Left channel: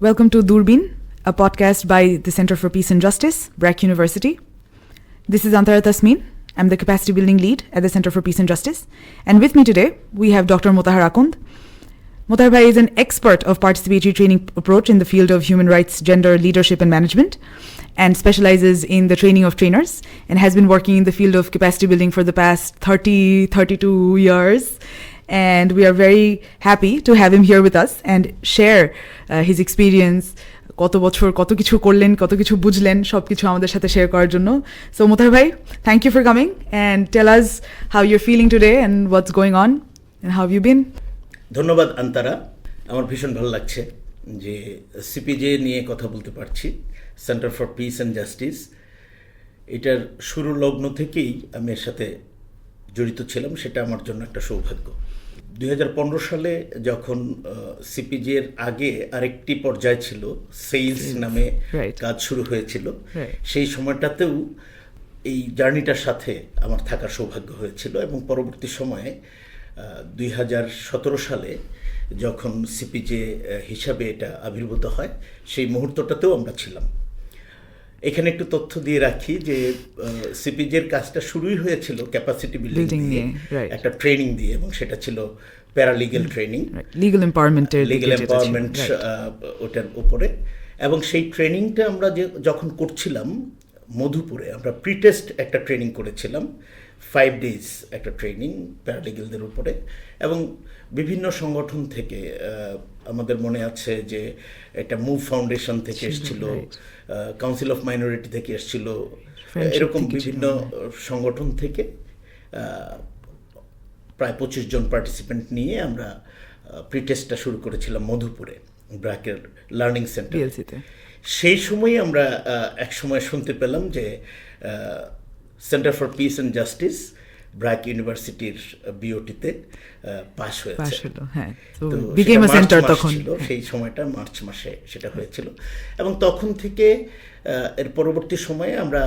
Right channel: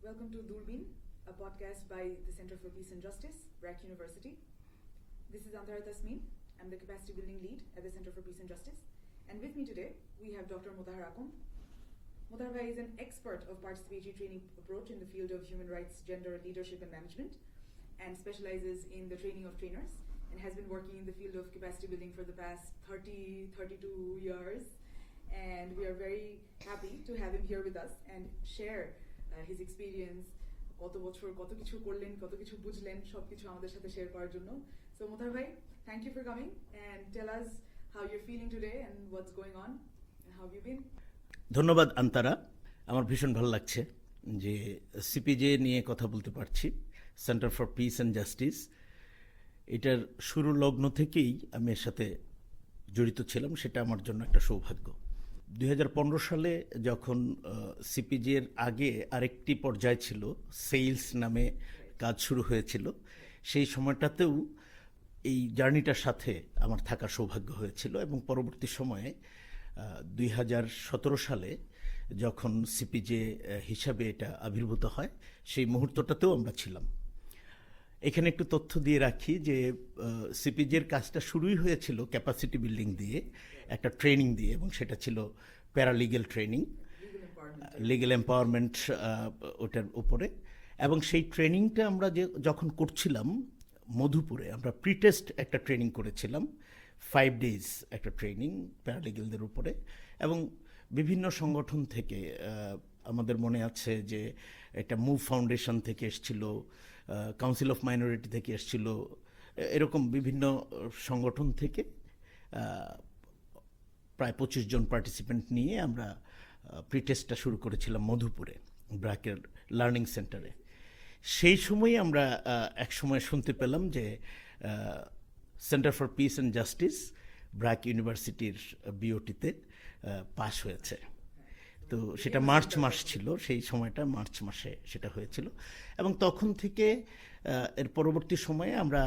Welcome to Doorbeen, a podcast by the Center for Peace and Justice, BRAC University. This is Antara Tasmin. I'm the Capacity Building Lead at the Center for Peace and Justice. And with me today, we have Dr. Motahar Akand. Motahar Bhai is an expert of Participatory Training Approach in the field of human rights, gender, leadership, and management, and specializes in the training of trainers, and has been working in the field of capacity building for the past 32 years. And we are very happy to have him here with us and share his experience, কত বছর কত কিছু করলেন, কত কিছু বুঝলেন, সব কিছু আমাদের সাথে শেয়ার করার জন্য। So Motahar Bhai, thank you for coming and tell us how you're feeling today and what's going on and how have you been? ধন্যবাদ আন্তারা, আমার ভীষণ ভালো লাগছে যে সিপিজে নিয়ে কথা বলতে পারছি, centre for piece and justice. এটার শুরু লগ্ন থেকেই আমি এর সাথে জড়িত ছিলাম, সেটা আমার জন্য একটা সৌভাগ্য। 2015 সালে যখন সিপিজের আগে আরেকটি পর্যায় ছিল, সেলস নামে কাজ শুরু হয়েছিল, সেই সময়টাতেও এই জার্নিটার সাথে আমার থাকার সৌভাগ্য হয়েছিল। এবং পরবর্তী সময়ে 2017 সালে যখন সিপিজে হিসাবে এটা আবির্ভূত হয়, সেই মুহূর্তটাতেও আমরা ছিলাম। এখানে একটু তথ্য দিয়ে রাখি যে সিপিজের কাজটা শুরুই হয়েছিল ক্যাপাসিটি বিল্ডিং দিয়ে, একটা ট্রেনিং দিয়ে, এবং সেটা ছিল প্যারালিগ্যাল ট্রেনিং, লিগ্যাল এম্পাওয়ারমেন্ট ওটার উপরে। এবং সেই ট্রেনিংটা আমরা যখন করছিলাম মধুপুরে, আমরা প্রিটেস্ট একটা ট্রেনিং করেছিলাম, 5 days একটা ট্রেনিং প্যারালিগ্যালদের উপরে। এবং বিভিন্ন সংগঠন থেকে, আমাদের মনে আছে যে এটা মুভ ফাউন্ডেশন থেকে এসেছিল, কাউন্সিল অফ মাইনরিটি থেকে এসেছিল, এরকম বিভিন্ন সংগঠন থেকে প্রায় 25 জন পার্টিসিপেন্ট নিয়ে আমরা প্রিটেস্টটা শুরু করেছিলাম মধুপুরে, ব্র্যাকের লার্নিং সেন্টার। সেই সময় আমরা এক সময় শুনতে পেলাম যে centre for piece and justice BRAC ইউনিভার্সিটির বিওটিতে পাস হয়েছে। সেই সময়টা মার্চ মাসে সেটা হয়েছিল। এবং তখন থেকে এর পরবর্তী সময়ে আমরা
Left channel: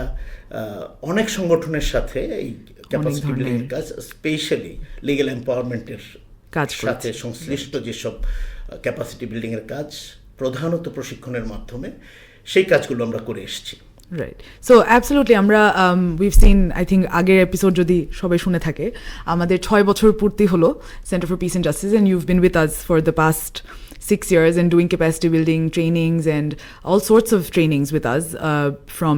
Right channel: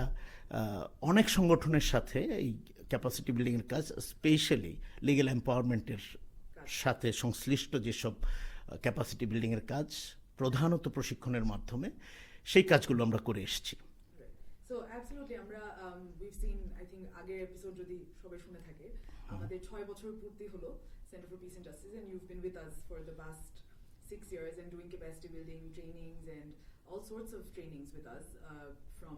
অনেক সংগঠনের সাথে এই ক্যাপাসিটি বিল্ডিং এর কাজ, স্পেশালি লিগ্যাল এম্পাওয়ারমেন্টের সাথে সংশ্লিষ্ট যেসব ক্যাপাসিটি বিল্ডিং এর কাজ, প্রধানত প্রশিক্ষণের মাধ্যমে, সেই কাজগুলো আমরা করে এসেছি। Right. So absolutely আমরা we've seen, I think আগের এপিসোড যদি সবাই শুনে থাকে, আমাদের 6 বছর পূর্তি হলো Center for Peace and Justice, and you've been with us for the past 6 years and doing capacity building trainings and all sorts of trainings with us from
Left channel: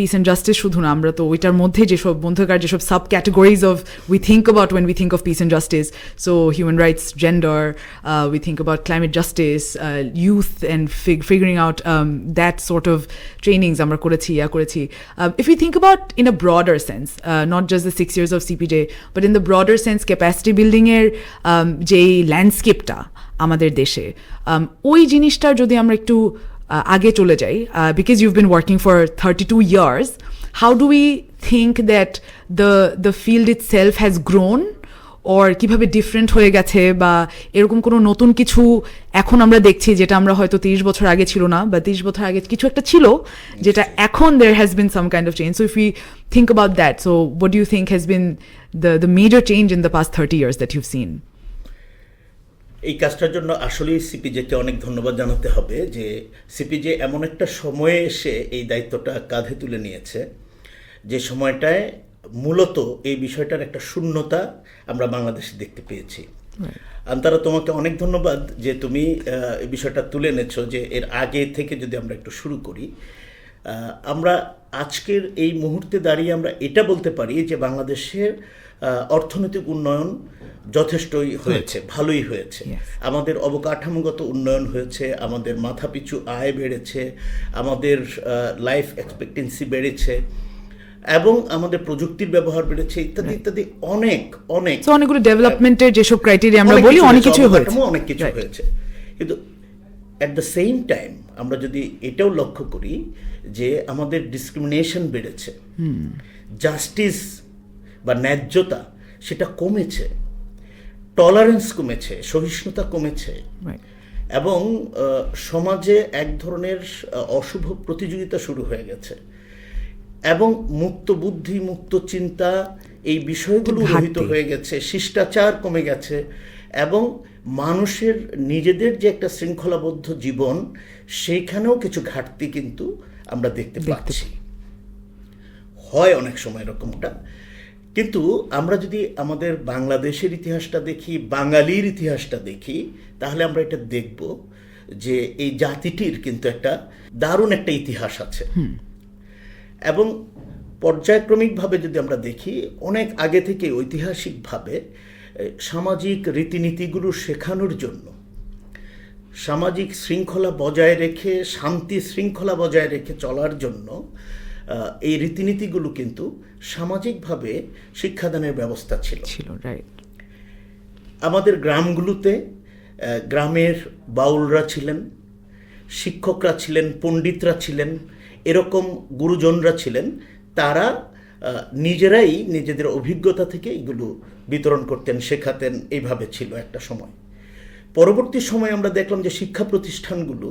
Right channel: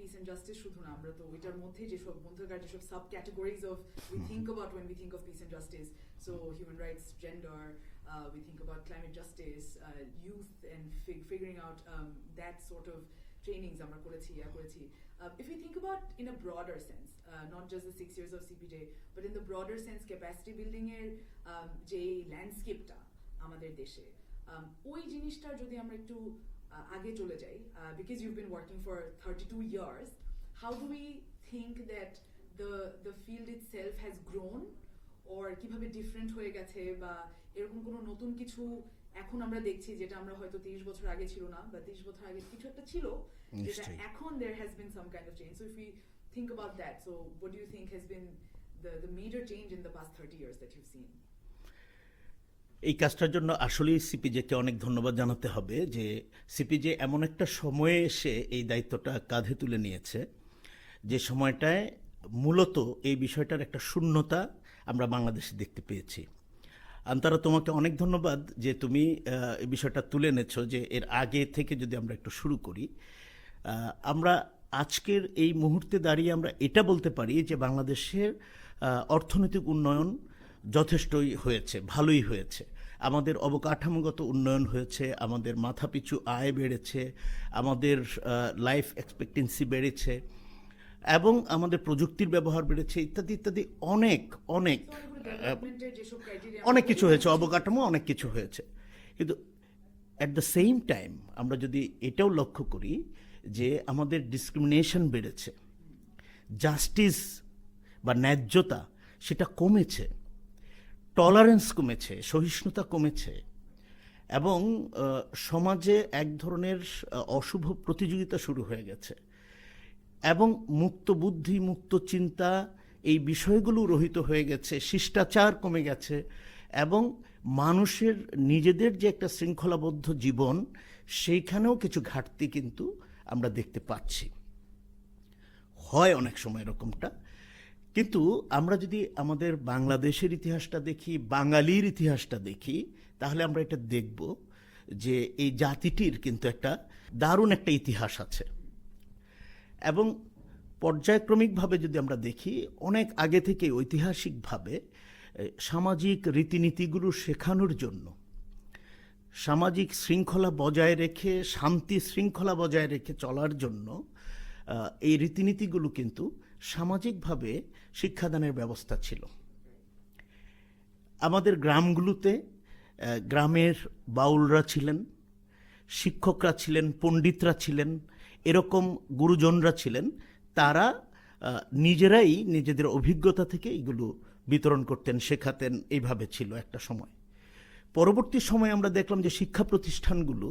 Peace and Justice শুধু না, আমরা তো ওইটার মধ্যে যেসব বন্ধুকার যেসব sub categories of we think about when we think of peace and justice, so human rights, gender, we think about climate justice, youth and figuring out that sort of trainings আমরা করেছি। If you think about in a broader sense, not just the 6 years of CPJ, but in the broader sense capacity বিল্ডিংয়ের যেই ল্যান্ডস্কেপটা আমাদের দেশে, ওই জিনিসটার যদি আমরা একটু আগে চলে যাই, because you've been working for 32 years, how do we think that the field itself has grown, or কিভাবে ডিফারেন্ট হয়ে গেছে, বা এরকম কোনো নতুন কিছু এখন আমরা দেখছি যেটা আমরা হয়তো 30 বছর আগে ছিল না, বা 30 বছর আগে কিছু একটা ছিল যেটা এখন there has been some kind of change. So if we think about that, so what do you think has been the major change in the past 30 years that you've seen? এই কাজটার জন্য আসলেই সিপিজেকে অনেক ধন্যবাদ জানাতে হবে যে সিপিজে এমন একটা সময়ে এসে এই দায়িত্বটা কাঁধে তুলে নিয়েছে, যে সময়টায় মূলত এই বিষয়টার একটা শূন্যতা আমরা বাংলাদেশে দেখতে পেয়েছি। আন্তারা, তোমাকে অনেক ধন্যবাদ যে তুমি এই বিষয়টা তুলে এনেছো, যে এর আগে থেকে যদি আমরা একটু শুরু করি, আমরা আজকের এই মুহূর্তে দাঁড়িয়ে আমরা এটা বলতে পারি যে বাংলাদেশের অর্থনৈতিক উন্নয়ন যথেষ্টই হয়েছে, ভালোই হয়েছে। আমাদের অবকাঠামোগত উন্নয়ন হয়েছে, আমাদের মাথাপিছু আয় বেড়েছে, আমাদের লাইফ এক্সপেক্টেন্সি বেড়েছে, এবং আমাদের প্রযুক্তির ব্যবহার বেড়েছে, ইত্যাদি ইত্যাদি অনেকগুলো ডেভেলপমেন্টের যেসব ক্রাইটেরিয়া আমরা বলি, অনেক কিছু হয়েছে। কিন্তু অ্যাট দ্য সেম টাইম আমরা যদি এটাও লক্ষ্য করি যে আমাদের ডিসক্রিমিনেশন বেড়েছে, জাস্টিস বা ন্যায্যতা সেটা কমেছে, টলারেন্স কমেছে, সহিষ্ণুতা কমেছে, এবং সমাজে এক ধরনের অশুভ প্রতিযোগিতা শুরু হয়ে গেছে, এবং মুক্ত বুদ্ধি, মুক্ত চিন্তা, এই বিষয়গুলো রহিত হয়ে গেছে, শিষ্টাচার কমে গেছে, এবং মানুষের নিজেদের যে একটা শৃঙ্খলাবদ্ধ জীবন, সেইখানেও কিছু ঘাটতি কিন্তু আমরা দেখতে পাচ্ছি। হয় অনেক সময় এরকমটা। কিন্তু আমরা যদি আমাদের বাংলাদেশের ইতিহাসটা দেখি, বাঙালির ইতিহাসটা দেখি, তাহলে আমরা এটা দেখব যে এই জাতিটির কিন্তু একটা দারুণ একটা ইতিহাস আছে। এবং পর্যায়ক্রমিকভাবে যদি আমরা দেখি, অনেক আগে থেকে ঐতিহাসিকভাবে সামাজিক রীতিনীতিগুলো শেখানোর জন্য, সামাজিক শৃঙ্খলা বজায় রেখে, শান্তি শৃঙ্খলা বজায় রেখে চলার জন্য এই রীতিনীতিগুলো কিন্তু সামাজিকভাবে শিক্ষাদানের ব্যবস্থা ছিল। রাইট। আমাদের গ্রামগুলোতে গ্রামের বাউলরা ছিলেন, শিক্ষকরা ছিলেন, পণ্ডিতরা ছিলেন, এরকম গুরুজনরা ছিলেন। তারা নিজেরাই নিজেদের অভিজ্ঞতা থেকে এগুলো বিতরণ করতেন, শেখাতেন। এইভাবে ছিল একটা সময়। পরবর্তী সময়ে আমরা দেখলাম যে শিক্ষা প্রতিষ্ঠানগুলো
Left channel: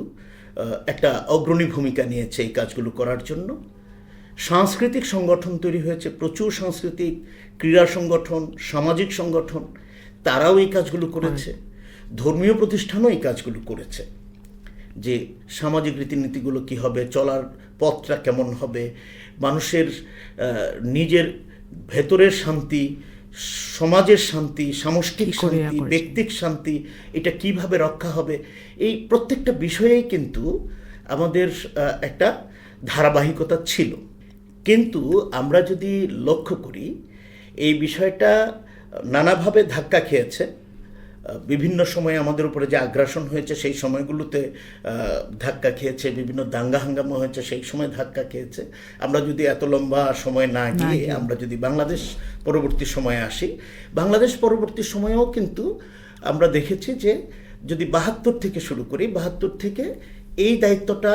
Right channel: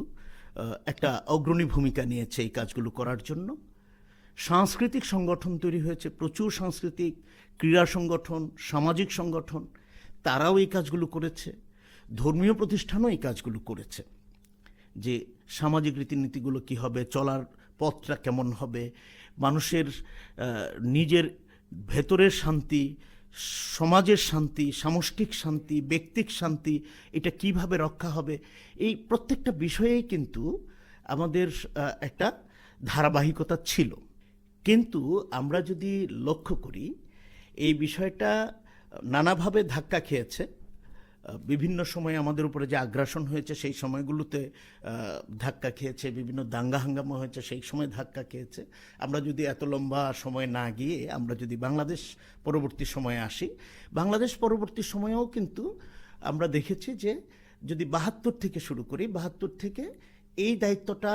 একটা অগ্রণী ভূমিকা নিয়েছে এই কাজগুলো করার জন্য। সাংস্কৃতিক সংগঠন তৈরি হয়েছে, প্রচুর সাংস্কৃতিক ক্রীড়া সংগঠন, সামাজিক সংগঠন, তারাও এই কাজগুলো করেছে। ধর্মীয় প্রতিষ্ঠানও এই কাজগুলো করেছে, যে সামাজিক রীতিনীতিগুলো কী হবে, চলার পথটা কেমন হবে, মানুষের নিজের ভেতরের শান্তি, সমাজের শান্তি, সামষ্টিক শান্তি, ব্যক্তিক শান্তি, এটা কিভাবে রক্ষা হবে, এই প্রত্যেকটা বিষয়েই কিন্তু আমাদের একটা ধারাবাহিকতা ছিল। কিন্তু আমরা যদি লক্ষ্য করি, এই বিষয়টা নানাভাবে ধাক্কা খেয়েছে। বিভিন্ন সময়ে আমাদের উপরে যে আগ্রাসন হয়েছে সেই সময়গুলোতে ধাক্কা খেয়েছে, বিভিন্ন দাঙ্গা হাঙ্গামা হয়েছে সেই সময় ধাক্কা খেয়েছে। আমরা যদি এত লম্বা সময় না গিয়ে আমরা যদি বাংলাদেশ পরবর্তী সময়ে আসি, বাংলাদেশ পরবর্তী সময়েও কিন্তু আমরা দেখেছি যে যদি ৭২ থেকে শুরু করি, ৭২ থেকে এই দায়িত্বটা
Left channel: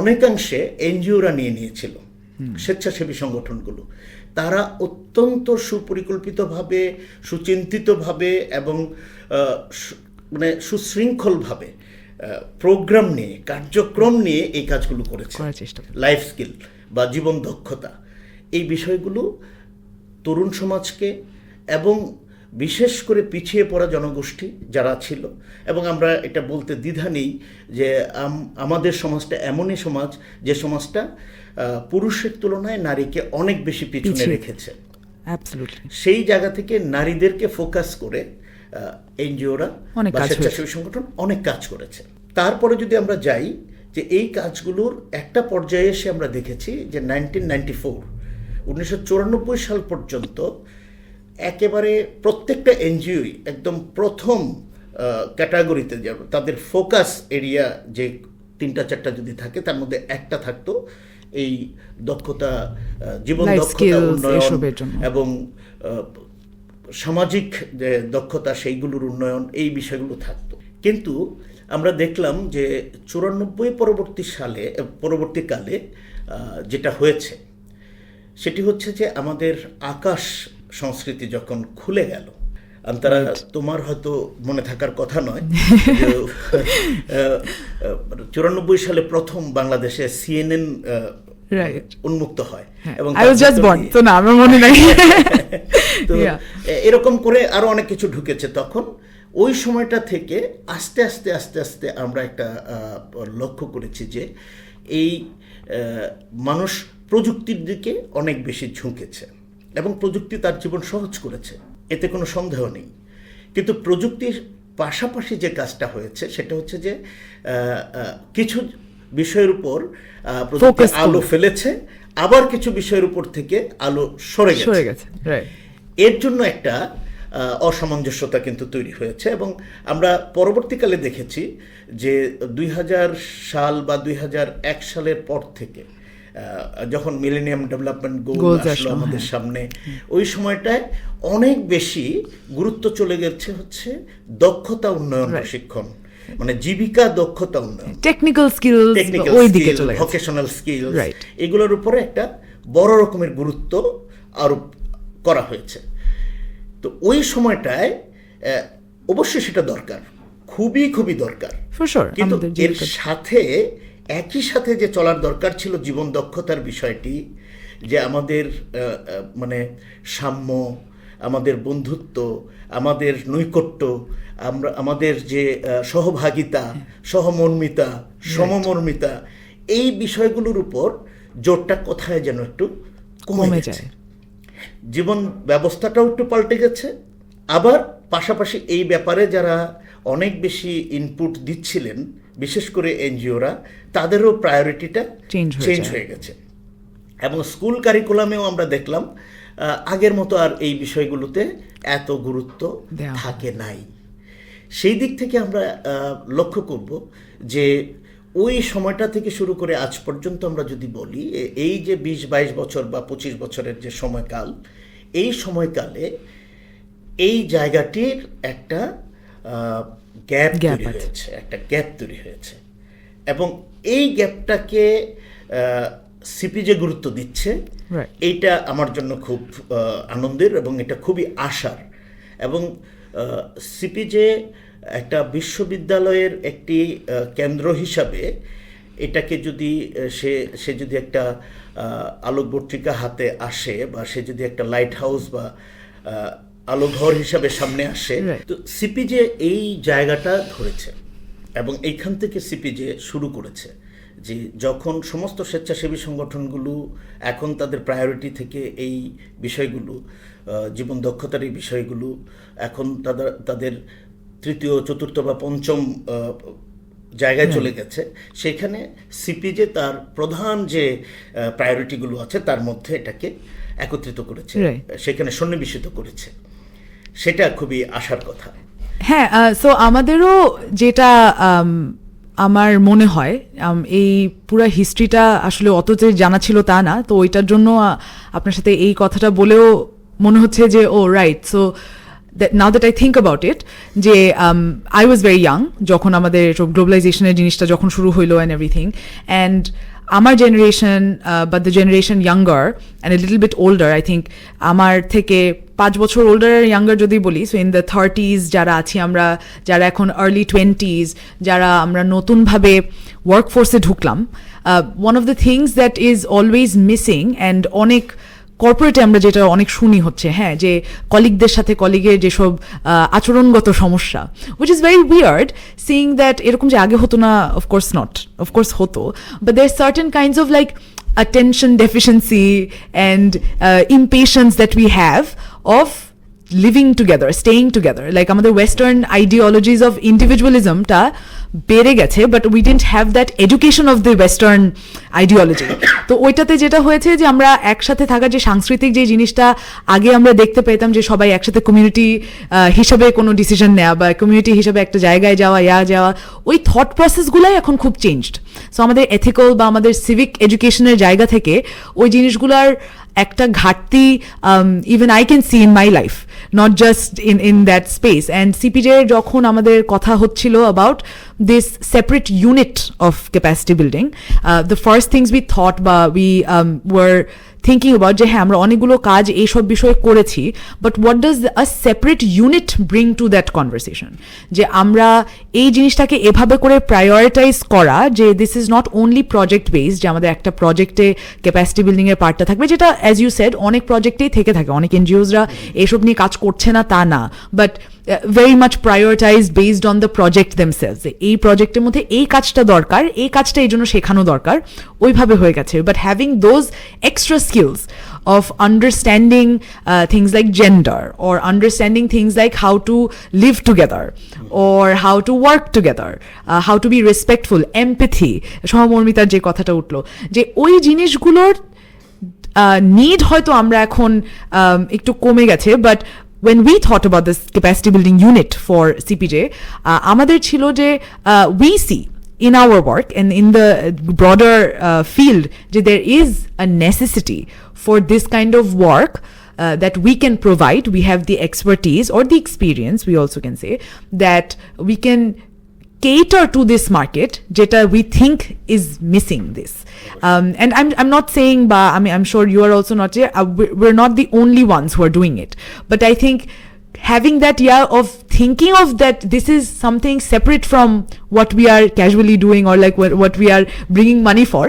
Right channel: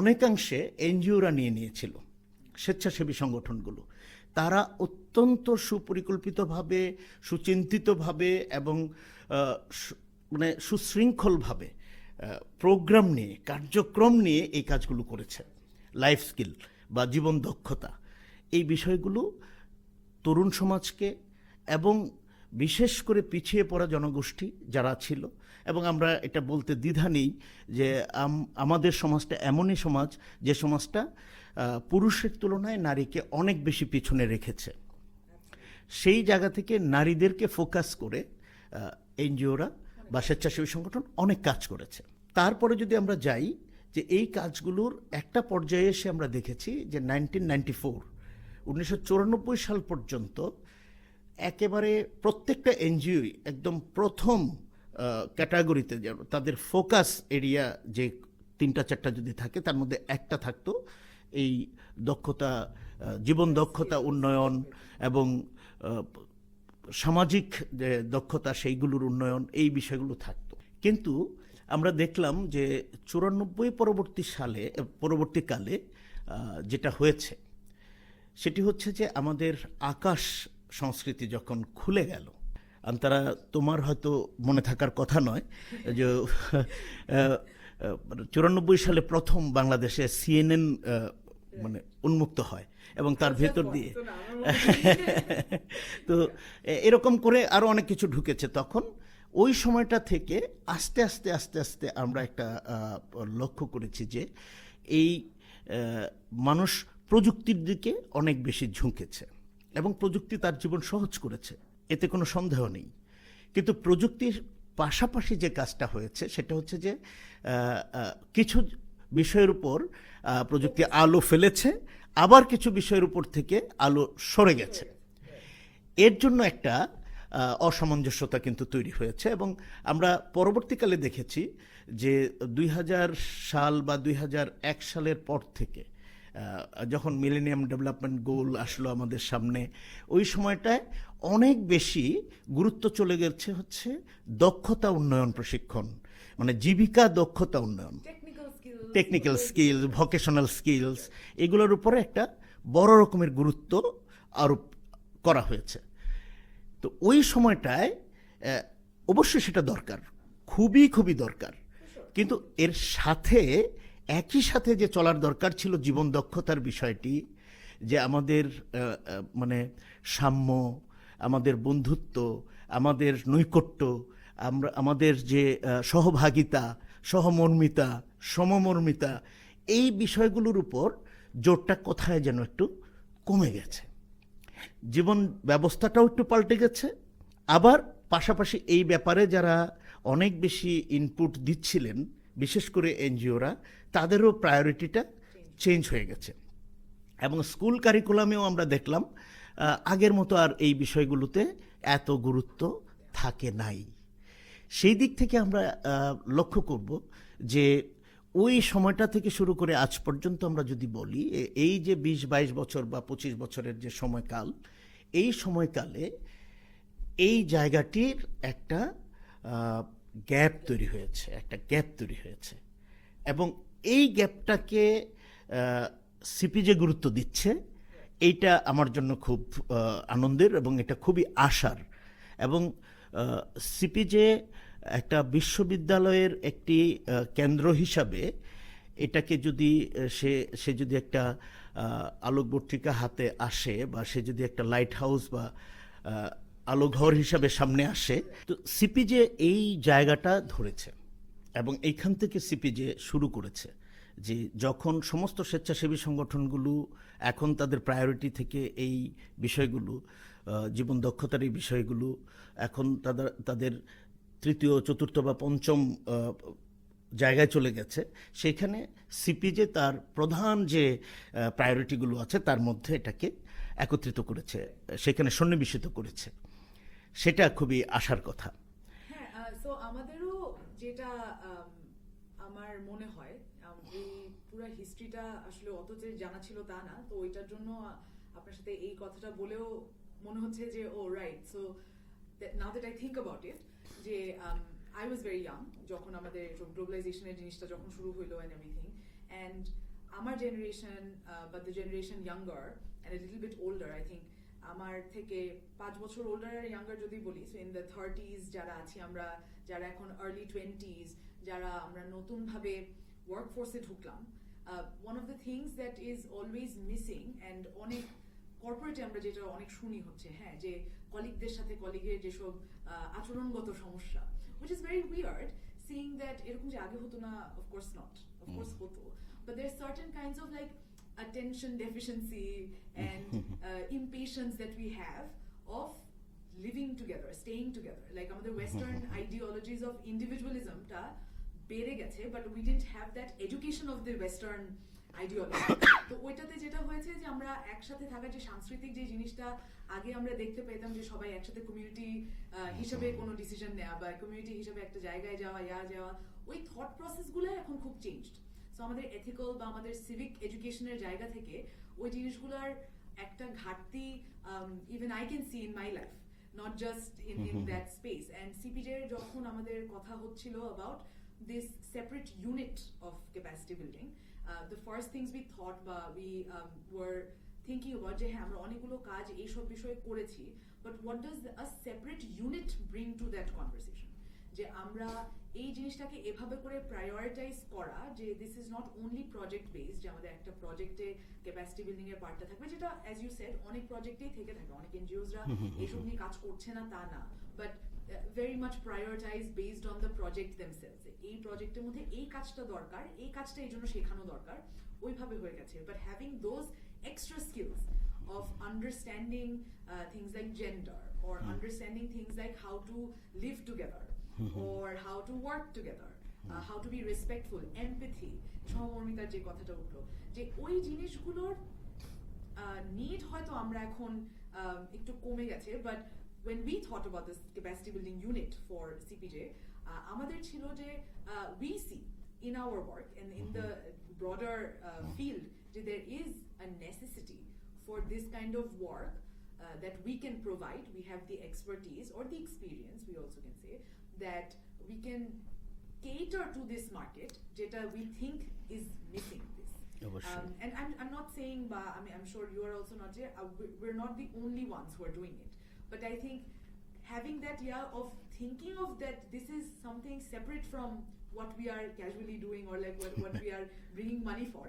অনেকাংশে এনজিওরা নিয়ে নিয়েছিল, স্বেচ্ছাসেবী সংগঠনগুলো। তারা অত্যন্ত সুপরিকল্পিতভাবে, সুচিন্তিতভাবে এবং মানে সুশৃঙ্খলভাবে প্রোগ্রাম নিয়ে, কার্যক্রম নিয়ে এই কাজগুলো করেছে। লাইফ স্কিল বা জীবন দক্ষতা, এই বিষয়গুলো তরুণ সমাজকে এবং বিশেষ করে পিছিয়ে পড়া জনগোষ্ঠী যারা ছিল, এবং আমরা এটা বলতে দ্বিধা নেই যে আমাদের সমাজটা এমনই সমাজ যে সমাজটা পুরুষের তুলনায় নারীকে অনেক বেশি পিছনে রেখেছে। সেই জায়গা থেকে নারীদেরকে ফোকাস করে এনজিওরা বা স্বেচ্ছাসেবী সংগঠন অনেক কাজ করেছে। তারপরে যদি আমরা যাই, যে এই কাজগুলোর একটা পর্যায়ে এসে আমরা দেখেছি যে 1994 সাল পর্যন্ত একেবারে প্রত্যেকটা এনজিওই একদম প্রথম ক্যাটাগরিতে যাবে, তাদের ফোকাস এরিয়া যে ৩-৪টা যদি থাকে, তার মধ্যে একটা থাকতো এই দক্ষতা, জীবন দক্ষতা উন্নয়ন এবং সামাজিক যে দক্ষতা সেইগুলোর উন্নয়ন, এই বিষয়গুলো থাকতো। কিন্তু আমরা দেখলাম যে 94 পরবর্তীকালে যেটা হয়েছে সেটি হচ্ছে যে আমাদের আকাশ সংস্কৃতি যখন খুলে গেল, আন্তরা তোমার হয়তো মনে থাকার কথা নয়, 94 সালে প্রথম বাংলাদেশে CNN উন্মুক্ত হয় এবং এরকম করে আরো অনেক কিছু ঢুকেছে। তখন ওই সময়টা থেকে আস্তে আস্তে আস্তে আস্তে আমরা একটা লক্ষ্য করেছি যে এই মানুষ প্রযুক্তির দিকে অনেক বেশি ঝুঁকেছে এবং প্রযুক্তি তার জীবন সহজ করেছে, এতে কোনো সন্দেহ নেই। কিন্তু প্রযুক্তির পাশাপাশি যে কাজটা হয়েছে সেটা হচ্ছে যে কিছু বিষয়ের উপর প্রযুক্তি আলো ফেলেছে, আবার কিছু বিষয়ের উপর থেকে আলো সরে গেছে। এর জন্য একটা অসামঞ্জস্যতা কিন্তু তৈরি হয়েছে। এবং আমরা পরবর্তীকালে দেখেছি যে 2000 সাল বা 2001 সালের পর থেকে যখন মিলেনিয়াম ডেভেলপমেন্ট গোল আসলো আমাদের সামনে, ওই সময়টায় অনেক বেশি গুরুত্ব চলে গেছে হচ্ছে দক্ষতা উন্নয়ন প্রশিক্ষণ, মানে জীবিকা দক্ষতা উন্নয়ন, টেকনিক্যাল স্কিলস, ভোকেশনাল স্কিলস, এগুলোর উপরে একটা বড় রকমের গুরুত্ব আরোপ করা হয়েছে। তো ওই সময়টায় অবশ্যই সেটা দরকার, খুবই খুবই দরকার। কিন্তু এর সাথে একই সাথে যে চলার দরকার ছিল জীবন দক্ষতার বিষয়টি, যে আমাদের মানে সাম্য, আমাদের বন্ধুত্ব, আমাদের নৈকট্য, আমরা আমাদের যে সহভাগিতা, সহমর্মিতা, সমমর্মিতা, এই বিষয়গুলোর উপর জোরটা কোথায় যেন একটু কমে যায়। জীবন ব্যবস্থাটাও একটু পাল্টে গেছে, আবার পাশাপাশি এই ব্যাপারে যারা অনেক বেশি ইনপুট দিচ্ছিলেন, বিশেষ করে এনজিওরা, তাদেরও প্রায়োরিটিটা চেঞ্জ হয়ে গেছে। এবং স্কুল কারিকুলামেও আমরা দেখলাম আগের মতো আর এই বিষয়গুলোতে এত গুরুত্ব থাকে নাই। সেই দিক থেকে আমরা লক্ষ্য করব যে ওই সময়টা থেকে শুরু করে আজ পর্যন্ত আমরা যদি বলি, এই যে 20-22 বছর বা 25 বছরের যে সময়কাল, এই সময়কালে এই জায়গাটির একটা গ্যাপ তৈরি হয়েছে, একটা গ্যাপ তৈরি হয়েছে। এবং এই গ্যাপটাকে সিপিজে গুরুত্ব দিচ্ছে, এইটা আমার জন্য খুব আনন্দের এবং এটা খুবই আশার। এবং সিপিজে একটা বিশ্ববিদ্যালয়ের একটি কেন্দ্র হিসাবে এটাকে যদি সে যদি একটা আলোকবর্তিকা হাতে আসে, বা সে যদি একটা লাইট হাউস বা আলোঘর হিসাবে সামনে আসে, তো সিপিজে এই জায়গাটা ধরেছে এবং এইখান থেকে সিপিজে শুরু করেছে যে যখন সমস্ত স্বেচ্ছাসেবী সংগঠনগুলো এখন তাদের প্রায়োরিটি থেকে এই বিষয়গুলো, জীবন দক্ষতার এই বিষয়গুলো এখন তাদের তৃতীয়, চতুর্থ বা পঞ্চম জায়গায় চলে গেছে, সেখানে সিপিজে তার প্রধান যে প্রায়োরিটিগুলো আছে তার মধ্যে এটাকে একত্রিত করেছে, সেখানে সন্নিবেশিত করেছে। সেটা খুবই আশার কথা। হ্যাঁ, সো আমাদেরও যেটা আমার মনে হয়, এই পুরো হিস্ট্রিটা আসলে অত যে জানা ছিল তা না, তো ওইটার জন্য আপনার সাথে এই কথাটা বলেও মনে হচ্ছে যে ও right. So now that I think about it, যে I was very young যখন আমাদের সব গ্লোবালাইজেশনের জিনিসটা যখন শুরু হইলো and everything, and আমার generation, but the generation younger and a little bit older, I think আমার থেকে 5 বছর older আর younger যদি বলি, so in the 30s যারা আছি আমরা, যারা এখন early 20s, যারা আমরা নতুনভাবে ওয়ার্কফোর্সে ঢুকলাম, one of the things that is always missing and অনেক কর্পোরেটে আমরা যেটা অনেক শুনি হচ্ছে, হ্যাঁ, যে কলিগদের সাথে কলিগের যেসব আচরণগত সমস্যা, which is very weird seeing that এরকম যে আগে হতো না, of course not, of course হতো, but there's certain kinds of like attention deficiency and impatience that we have of living together, staying together, like আমাদের western ideologies of individualism টা বেড়ে গেছে, but we didn't have that education of the western ideology. তো ওইটাতে যেটা হয়েছে যে আমরা একসাথে থাকার যে সাংস্কৃতিক যে জিনিসটা আগে আমরা দেখতে পেতাম, যে সবাই একসাথে কমিউনিটি হিসাবে কোনো ডিসিশন নেওয়া বা কমিউনিটি হিসাবে একটা জায়গায় যাওয়া, যাওয়া, ওই থট প্রসেসগুলাই এখন খুব চেঞ্জড। সো আমাদের এথিক্যাল বা আমাদের সিভিক এডুকেশনের জায়গা থেকে ওই জিনিসগুলার একটা ঘাটতি even I can see in my life, not just in that space. And CPJ যখন আমাদের কথা হচ্ছিল about this separate unit of capacity building, the first things we thought বা we were thinking about যে হ্যাঁ আমরা অনেকগুলো কাজ এইসব বিষয়ে করেছি, but what does a separate unit bring to that conversation? যে আমরা এই জিনিসটাকে এভাবে করে প্রায়োরিটাইজ করা যে this is not only project based, যে আমাদের একটা প্রজেক্টে ক্যাপাসিটি বিল্ডিং এর পার্টটা থাকবে, যেটা as you said অনেক প্রজেক্টেই থেকে থাকে, অনেক এনজিওসরা এইসব নিয়ে কাজ করছে না তা না, but very much prioritized based on the project themselves. এই প্রজেক্টের মধ্যে এই কাজটা দরকার, এই কাজটা এই জন্য শেখানো দরকার, ওইভাবে হয়ে গেছে। But having those extra skills of understanding things like gender, or understanding things like how to live together, or how to work together, how to be respectful, empathy, সহমর্মিতার যে কথাটা উঠলো, যে ওই জিনিসগুলোর নিড হয়তো আমরা এখন একটু কমে গেছে, but when we thought about this capacity building unit for CPJ, আমাদের ছিল যে we see in our work and in the broader field যে there is a necessity for this kind of work that we can provide. We have the expertise or the experience, we also can say, that we can cater to this market jeta we think is missing this. And I'm not saying I mean I'm sure you are also not, we're not the only ones who are doing it, but I think having that of thinking of that this is something separate from what we are casually doing or like what we are bringing money for,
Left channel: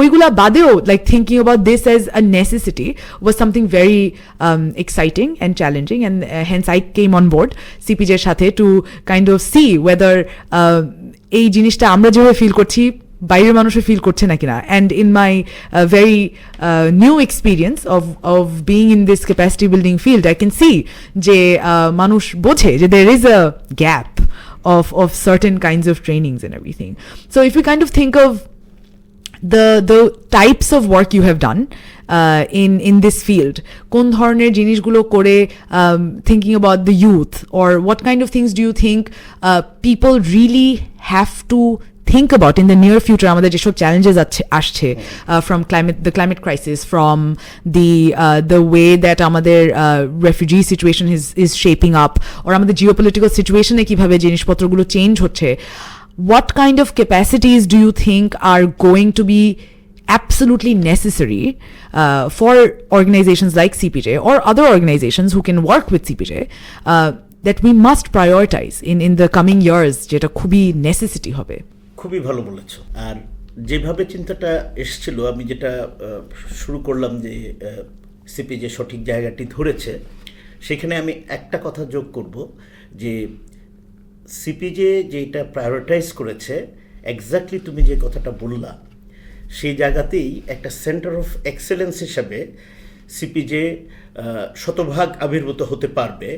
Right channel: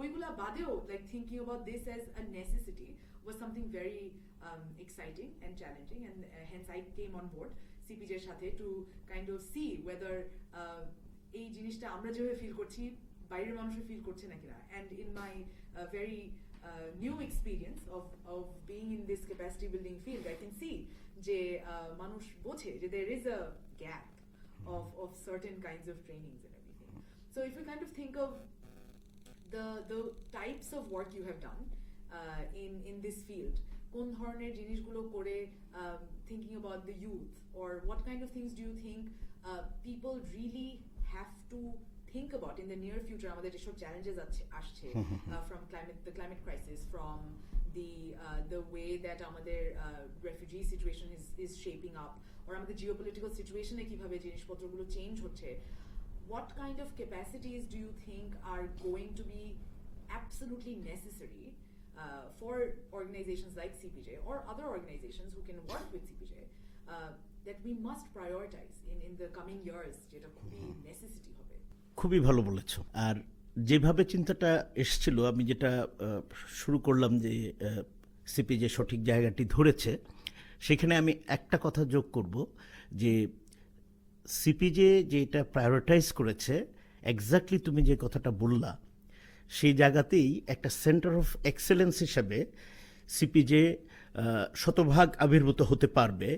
oigula badeo like thinking about this as a necessity was something very exciting and challenging, and hence I came on board CPJ এর সাথে to kind of see whether এই জিনিসটা আমরা যেভাবে feel করছি বাইরের মানুষও feel করছে নাকি না। And in my very new experience of being in this capacity building field I can see যে মানুষ বোঝে যে there is a gap of certain kinds of trainings and everything. So if you kind of think of the types of work you have done in this field, কোন ধরনের জিনিসগুলো করে thinking about the youth, or what kind of things do you think people really have to think about in the near future আমাদের যেসব challenges আসছে from the climate crisis, from the way that আমাদের refugee situation is shaping up, or আমাদের geopolitical situation এ কিভাবে জিনিসপত্রগুলো change হচ্ছে, what kind of capacities do you think are going to be absolutely necessary for organizations like CPJ or other organizations who can work with CPJ that we must prioritize in the coming years, যেটা খুবই necessity হবে? খুবই ভালো বলেছ। আর যেভাবে চিন্তাটা এসেছিল, আমি যেটা শুরু করলাম যে সিপিজে সঠিক জায়গাটি ধরেছে, সেখানে আমি একটা কথা যোগ করব যে সিপিজে যেটা প্রায়োরিটাইজ করেছে, এক্স্যাক্টলি তুমি যে কথাটা বললা, সেই জায়গাতেই একটা সেন্টার অফ এক্সেলেন্স হিসাবে সিপিজে শতভাগ আবির্ভূত হতে পারবে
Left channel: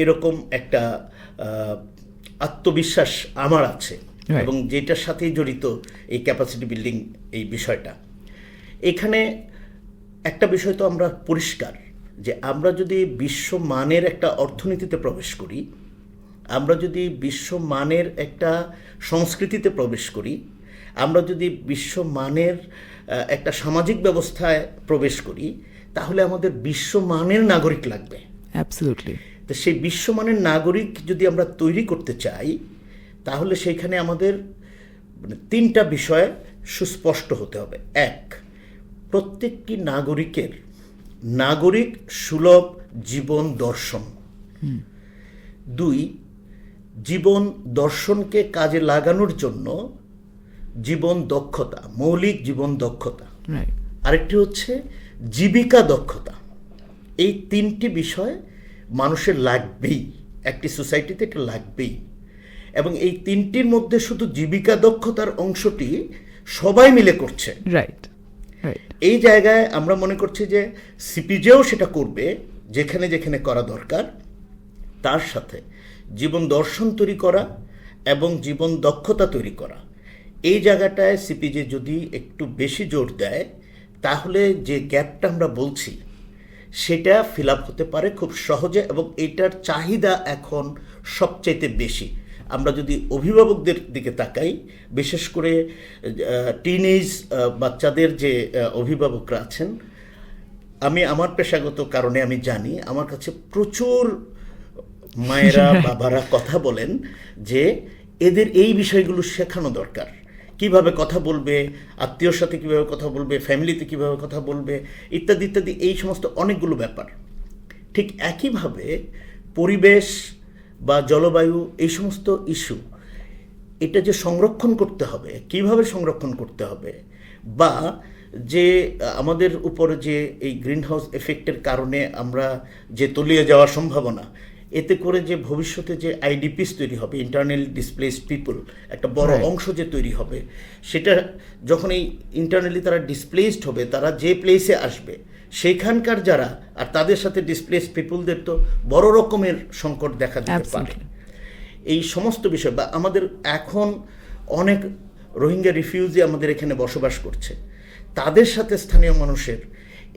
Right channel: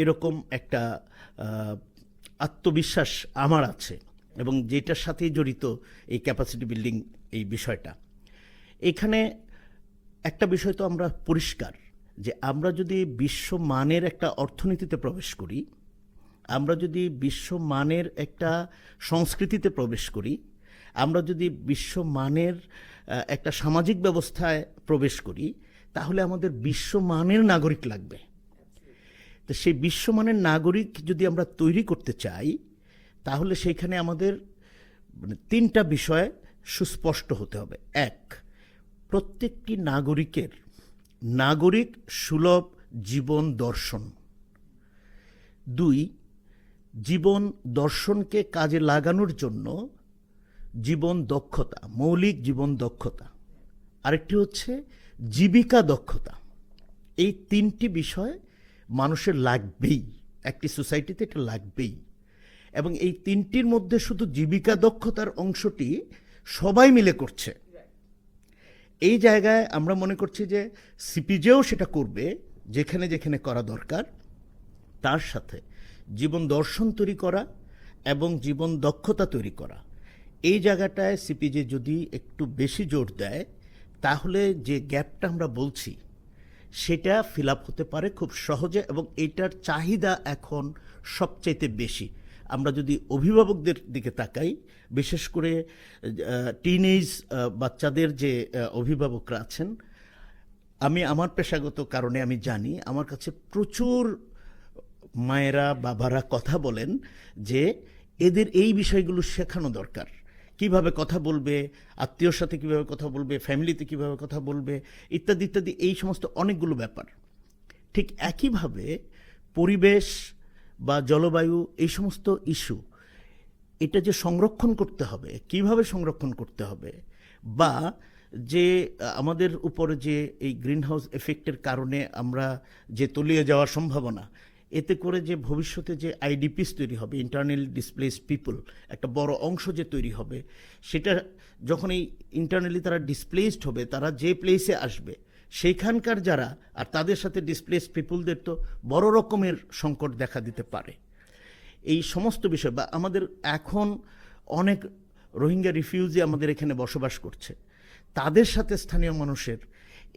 এরকম একটা আত্মবিশ্বাস আমার আছে, এবং যেটার সাথেই জড়িত এই ক্যাপাসিটি বিল্ডিং এই বিষয়টা। এখানে একটা বিষয় তো আমরা পরিষ্কার যে আমরা যদি বিশ্বমানের একটা অর্থনীতিতে প্রবেশ করি, আমরা যদি বিশ্বমানের একটা সংস্কৃতিতে প্রবেশ করি, আমরা যদি বিশ্বমানের একটা সামাজিক ব্যবস্থায় প্রবেশ করি, তাহলে আমাদের বিশ্বমানের নাগরিক লাগবে। অ্যাবসলিউটলি। তো সেই বিশ্বমানের নাগরিক যদি আমরা তৈরি করতে চাই, তাহলে সেইখানে আমাদের তিনটা বিষয় সুস্পষ্ট হতে হবে। এক, প্রত্যেকটি নাগরিকের নাগরিক সুলভ জীবন দর্শন। দুই, জীবন দর্শনকে কাজে লাগানোর জন্য জীবন দক্ষতা, মৌলিক জীবন দক্ষতা। আরেকটি হচ্ছে জীবিকা দক্ষতা। এই তিনটি বিষয় মানুষের লাগবেই, একটি সোসাইটিতে এটা লাগবেই। এবং এই তিনটির মধ্যে শুধু জীবিকা দক্ষতার অংশটি সবাই মিলে করছে। রাইট। এই জায়গায় আমরা মনে করছি যে সিপিজেও সেটা করবে যেখানে যেখানে করা দরকার। তার সাথে জীবন দর্শন তৈরি করা এবং জীবন দক্ষতা তৈরি করা, এই জায়গাটায় সিপিজে যদি একটু বেশি জোর দেয়, তাহলে যে গ্যাপটা আমরা বলছি সেটা ফিল আপ হতে পারে খুব সহজে, এবং এটার চাহিদা এখন সবচাইতে বেশি। আমরা যদি অভিভাবকদের দিকে তাকাই, বিশেষ করে টিনেজ বাচ্চাদের যে অভিভাবকরা আছেন, আমি আমার পেশাগত কারণে আমি জানি, আমার কাছে প্রচুর মায়েরা বাবারা কথা বলেন যে এদের এই বিষয়গুলো শেখানো দরকার। কিভাবে কথা বলবে, আত্মীয়র সাথে কিভাবে কথা বলবে, ফ্যামিলিতে কিভাবে কথা বলবে, ইত্যাদি ইত্যাদি, এই সমস্ত অনেকগুলো ব্যাপার। ঠিক একইভাবে পরিবেশ বা জলবায়ু, এই সমস্ত ইস্যু, এটা যে সংরক্ষণ করতে হবে, কিভাবে সংরক্ষণ করতে হবে, বা যে আমাদের উপরে যে এই গ্রিন হাউস এফেক্টের কারণে আমরা যে তলিয়ে যাওয়ার সম্ভাবনা, এতে করে যে ভবিষ্যতে যে আইডিপিস তৈরি হবে, ইন্টারনালি ডিসপ্লেসড পিপল, একটা বড় অংশ যে তৈরি হবে, সেটা যখন এই ইন্টারনালি তারা ডিসপ্লেসড হবে, তারা যে প্লেসে আসবে সেখানকার যারা, আর তাদের সাথে ডিসপ্লেসড পিপলদের তো বড় রকমের সংকট দেখা দিতে পারে। এই সমস্ত বিষয়, বা আমাদের এখন অনেক রোহিঙ্গা রিফিউজি আমাদের এখানে বসবাস করছে, তাদের সাথে স্থানীয় মানুষের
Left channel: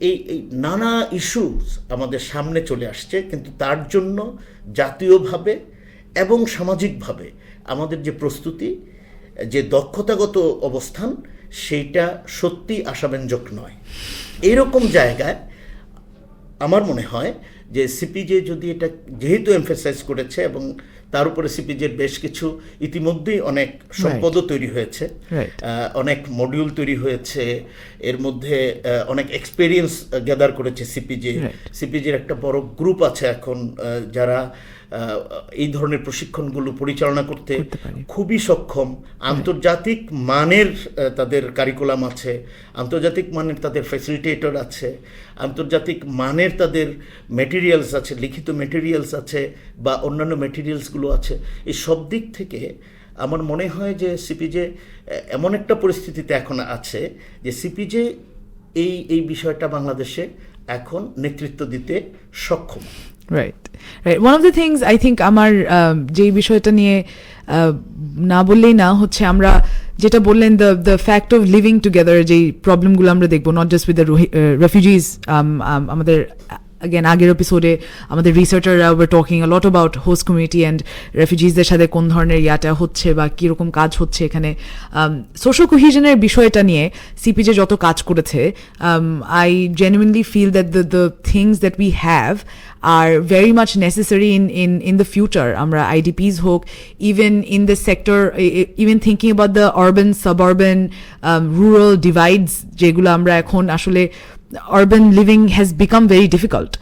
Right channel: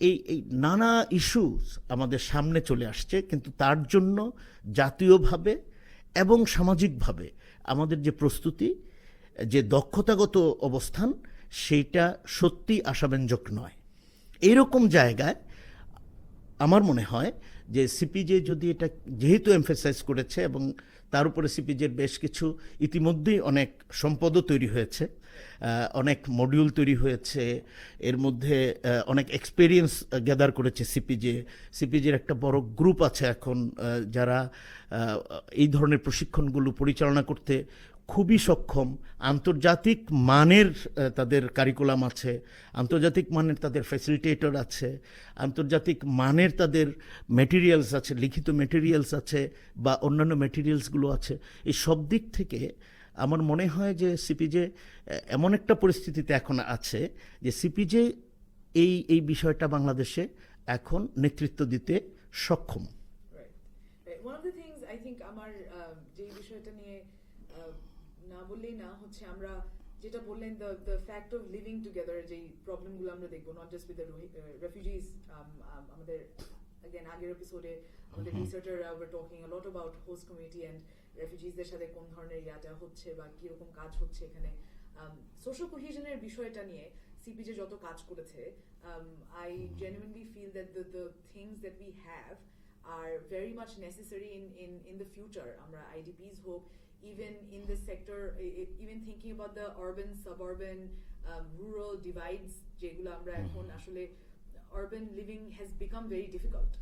এই নানা ইস্যুস আমাদের সামনে চলে আসছে। কিন্তু তার জন্য জাতীয়ভাবে এবং সামাজিকভাবে আমাদের যে প্রস্তুতি, যে দক্ষতাগত অবস্থান, সেইটা সত্যি আশাব্যঞ্জক নয়। এইরকম জায়গায় আমার মনে হয় যে সিপিজে যদি এটা যেহেতু এমফেসাইজ করেছে এবং তার উপরে সিপিজের বেশ কিছু ইতিমধ্যেই অনেক সম্পদও তৈরি হয়েছে, অনেক মডিউল তৈরি হয়েছে, এর মধ্যে অনেক এক্সপেরিয়েন্স গ্যাদার করেছে সিপিজের একটা বড় গ্রুপ আছে এখন যারা এই ধরনের প্রশিক্ষণগুলো পরিচালনা করতে খুবই সক্ষম। আন্তর্জাতিক মানের তাদের কারিকুলাম আছে, আন্তর্জাতিক মানের তাদের ফ্যাসিলিটেটর আছে, আন্তর্জাতিক মানের তাদের মেটেরিয়ালস আছে, লিখিত মেটেরিয়ালস আছে বা অন্যান্য মেটেরিয়ালসগুলো আছে। এই সব দিক থেকে আমার মনে হয় যে সিপিজে এমন একটা পরিস্থিতিতে এখন আছে যে সিপিজে এই বিষয়টা বাংলাদেশে এখন নেতৃত্ব দিতে সক্ষম। Right. One of the things I think আমার যে বিষয়টা নিয়ে না বললেই না হচ্ছে, আমরা যেটা বললেন the fact of living together, যে প্রবলেমগুলো আমরা দেখবো not just with the refugees, আমাদের again আগের এপিসোডে আমাদের রিসার্চাররা were talking a lot about host community and refugeesদের সাথে কোন ধরনের ইয়াটা হচ্ছে বা কীরকম কাজ হচ্ছে এখানে। সোশ্যাল কোহিশনের বিষয়টা নিয়ে সিপিজে যত কাজ করেছে, I genuinely feel that the things that we have are very much necessary in the future. Amra IDPs hook, even in the sector, even thinking about the urban, suburban, rural divides, jegula amra ekhon ashole urban living has become very difficult.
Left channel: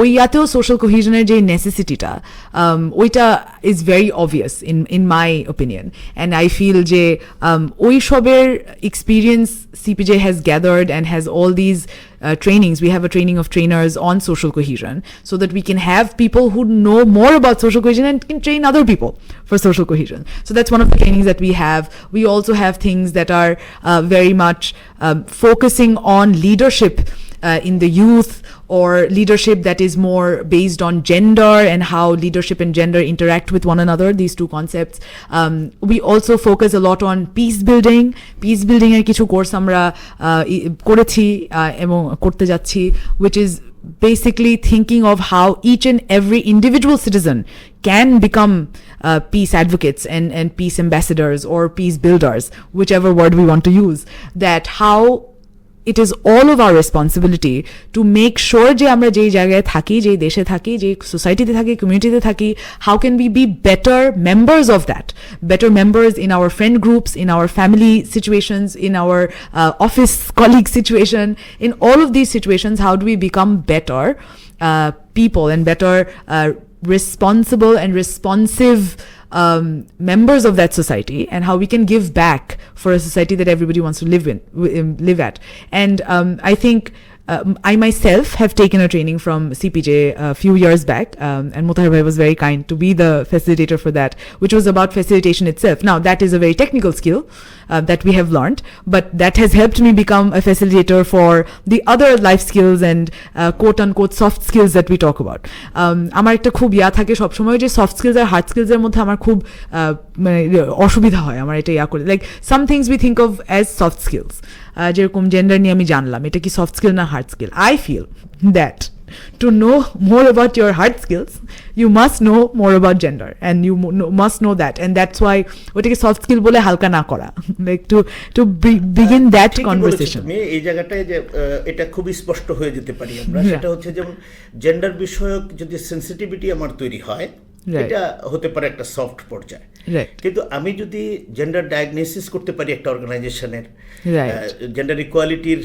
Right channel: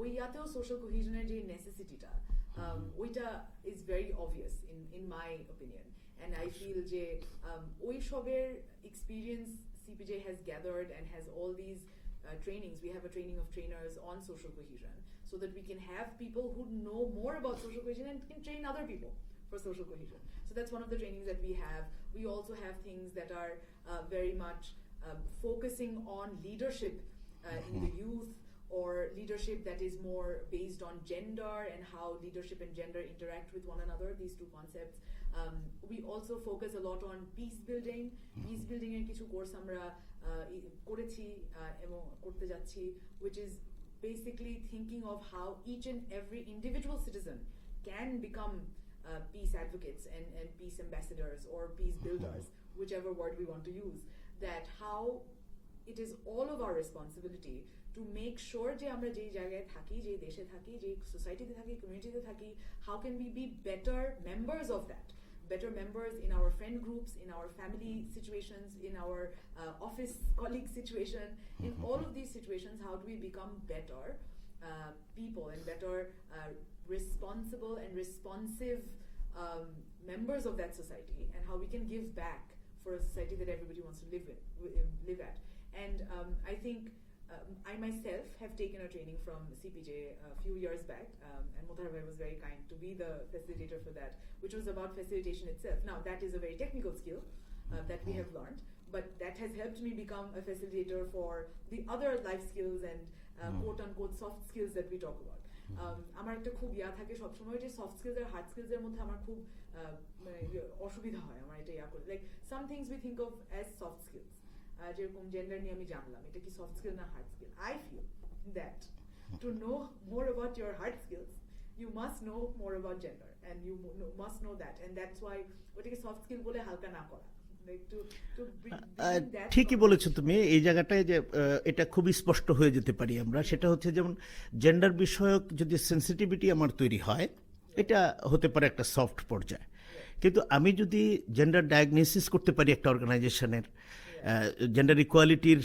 ওই ইয়াতেও social কোহিশনের যে নেসেসিটিটা, ওইটা is very obvious in my opinion, and I feel যে ওই সবের experience CPJ has gathered and has all these trainings. We have a training of trainers on social cohesion so that we can have people who know more about social cohesion and can train other people for social cohesion. So that's one of the trainings that we have. We also have things that are very much focusing on leadership in the youth, or leadership that is more based on gender and how leadership and gender interact with one another, these two concepts. We also focus a lot on peace building. Peace building er kichu course amra korechi ebong korte jacchi, which is basically thinking of how each and every individual citizen can become peace advocates and peace ambassadors or peace builders, whichever word we want to use. That how it is all of our responsibility to make sure যে আমরা যেই জায়গায় থাকি, যেই দেশে থাকি, যেই সোসাইটিতে থাকি, কমিউনিটিতে থাকি, how can we be better members of that, better members in our friend groups, in our family situations, in our office colleague situation, in all of these situations, how do we become better people and better responsible and responsive members of that society, and how we can give back for a society that everybody wants to live at. And I think I myself have taken a training from CPJ a few years back, and Motahar was very kind to be the facilitator for that, which was about facilitation itself. Now that is a very technical skill that we have learned, but that has helped me become a facilitator for the other life skills and quote unquote soft skills that we talk about. আমার একটা খুব ইয়া থাকে সবসময় যে soft skills আর hard স্কিলসের মধ্যে আমার খুব মানে অসুবিধা হয় আমার এটা ইয়া করে, like some things we think of as soft skills, যেরকম জেন্ডার নিয়ে আমি জানলাম এটা কি সফট স্কিল না hard skill. I feel that to know more about your hard skills, you must know more about gender, and you must know that, and that's why ওটাকে soft skill বলে হালকা না করা, like to begin that conversation. এই জায়গাটায় যে এটা খুব স্পষ্ট হয়ে যেতে পারি আমরা, সেটা হচ্ছে যেমন জেন্ডার বিষয়ক যদি সেন্সিটিভিটি আমার তৈরি হয়, এটা হতে পারে একটা সফট পর্যায়ে, কিন্তু আমি যদি জেন্ডার ডায়াগনোসিস করতে পারি একটা অর্গানাইজেশনের, জেন্ডার ইকুয়ালিটির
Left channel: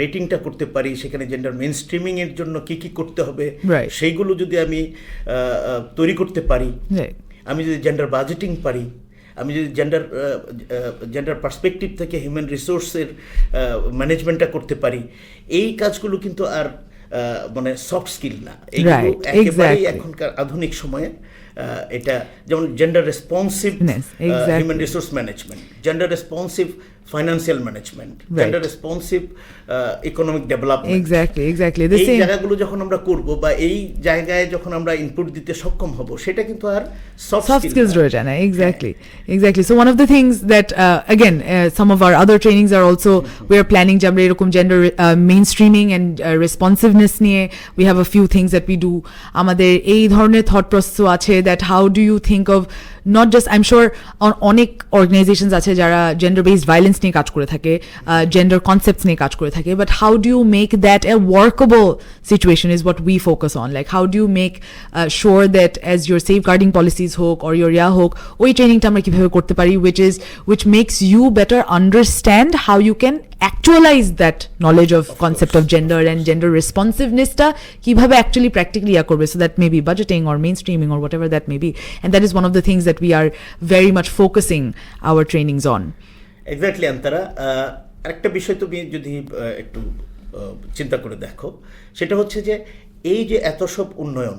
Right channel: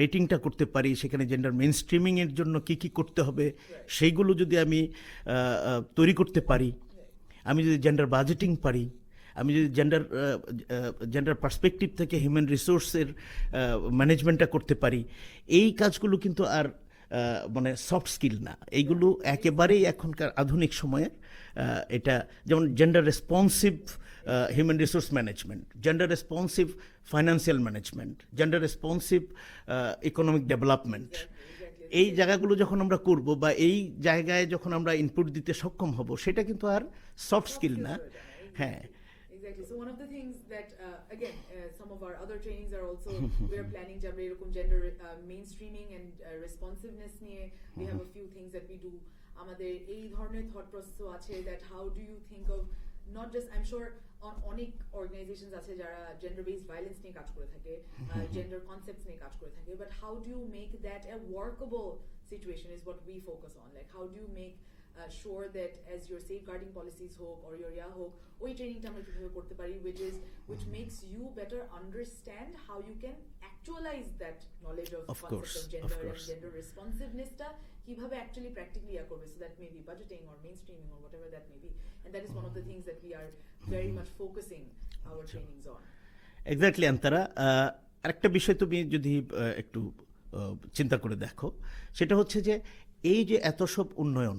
রেটিংটা করতে পারি, সেখানে জেন্ডার মেইনস্ট্রিমিং এর জন্য কি কি করতে হবে সেইগুলো যদি আমি তৈরি করতে পারি, আমি যদি জেন্ডার বাজেটিং পারি, আমি যদি জেন্ডার পার্সপেক্টিভ থেকে হিউম্যান রিসোর্সের ম্যানেজমেন্টটা করতে পারি, এই কাজগুলো কিন্তু আর মানে সফট স্কিল না, এইগুলো একেবারেই এখনকার আধুনিক সময়ে এটা যেমন gender responsive human resource management, gender responsive financial management, gender responsive economic development, exactly এই জায়গাগুলো যখন আমরা করব বা এই জায়গায় যখন আমরা ইনপুট দিতে সক্ষম হব, সেটা কিন্তু আর সফট skills রয়ে যায় না। Exactly. So one of the things that again some of our other trainings are also we are planning যে আমরা এরকম gender mainstreaming and responsiveness নিয়ে we have a few things that we do. আমাদের এই ধরনের thought process আছে that how do you think of not just I am sure অনেক organisations আছে যারা জেন্ডার বেসড ভায়োলেন্স নিয়ে কাজ করে থাকে, জেন্ডার কনসেপ্টস নিয়ে কাজ করে থাকে, but how do you make that a workable situation is what we focus on. Like how do you make sure that as your safeguarding policies হোক or your হোক, ওই ট্রেনিংটা আমরা কীভাবে করতে পারি which makes you better understand how you can actualize that knowledge of concept of gender and gender responsiveness টা কিভাবে actually practically করবে, so that may be budgeting or mainstreaming or whatever that may be, and that is one of the things that we are very much focusing our trainings on. Exactly, Antara. আরেকটা বিষয় তুমি যদি একটু চিন্তা করে দেখো, সেটা হচ্ছে যে এই যে এত সব উন্নয়ন,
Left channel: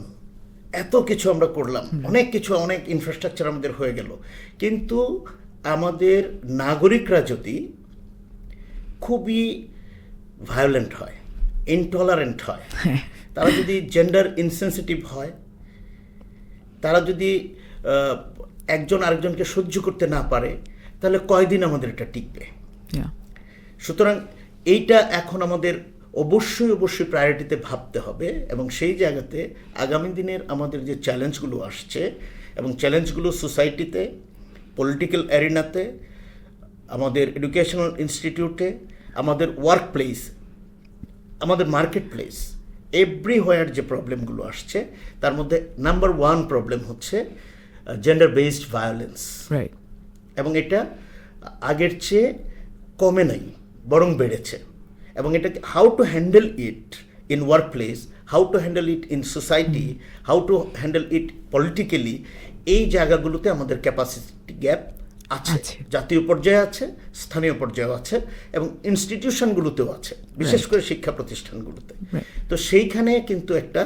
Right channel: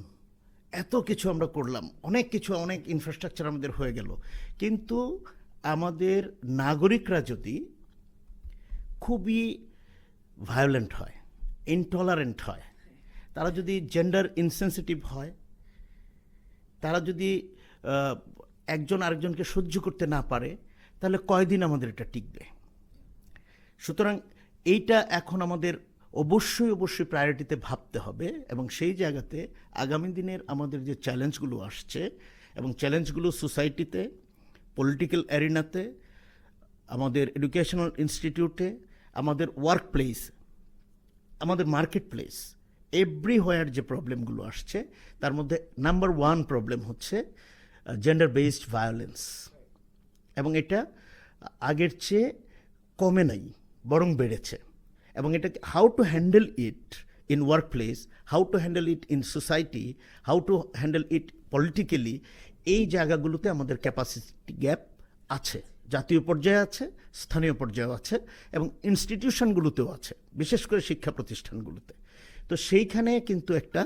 এত কিছু আমরা করলাম, অনেক কিছু, অনেক ইনফ্রাস্ট্রাকচার আমাদের হয়ে গেল, কিন্তু আমাদের নাগরিকরা যদি খুবই ভায়োলেন্ট হয়, ইনটলারেন্ট হয়, তারা যদি জেন্ডার ইনসেনসিটিভ হয়, তারা যদি একজন আরেকজনকে সহ্য করতে না পারে, তাহলে কয়দিন আমাদের এটা টিকবে? সুতরাং এইটা এখন আমাদের অবশ্যই প্রায়োরিটিতে ভাবতে হবে, এবং সেই জায়গাতে আগামী দিনের আমাদের যে চ্যালেঞ্জগুলো আসছে, এবং চ্যালেঞ্জগুলো সোসাইটিতে, পলিটিক্যাল অ্যারিনাতে, আমাদের এডুকেশনাল ইনস্টিটিউটে, আমাদের ওয়ার্ক প্লেস, আমাদের মার্কেট প্লেস, এভরিহোয়ার যে প্রবলেমগুলো আসছে, তার মধ্যে নাম্বার 1 প্রবলেম হচ্ছে জেন্ডার বেসড ভায়োলেন্স, এবং এটা আগের চেয়ে কমে নাই, বরং বেড়েছে। এবং এটা how to handle it in work place, how to handle it in society, how to handle it politically, এই জায়গাগুলোতে আমাদের ক্যাপাসিটি গ্যাপ আছে, জাতীয় পর্যায়ে আছে, স্থানীয় পর্যায়েও আছে, এবং ইনস্টিটিউশনগুলোতেও আছে, বিশেষ করে শিক্ষা প্রতিষ্ঠানগুলোতে। তো সেইখানে কিন্তু একটা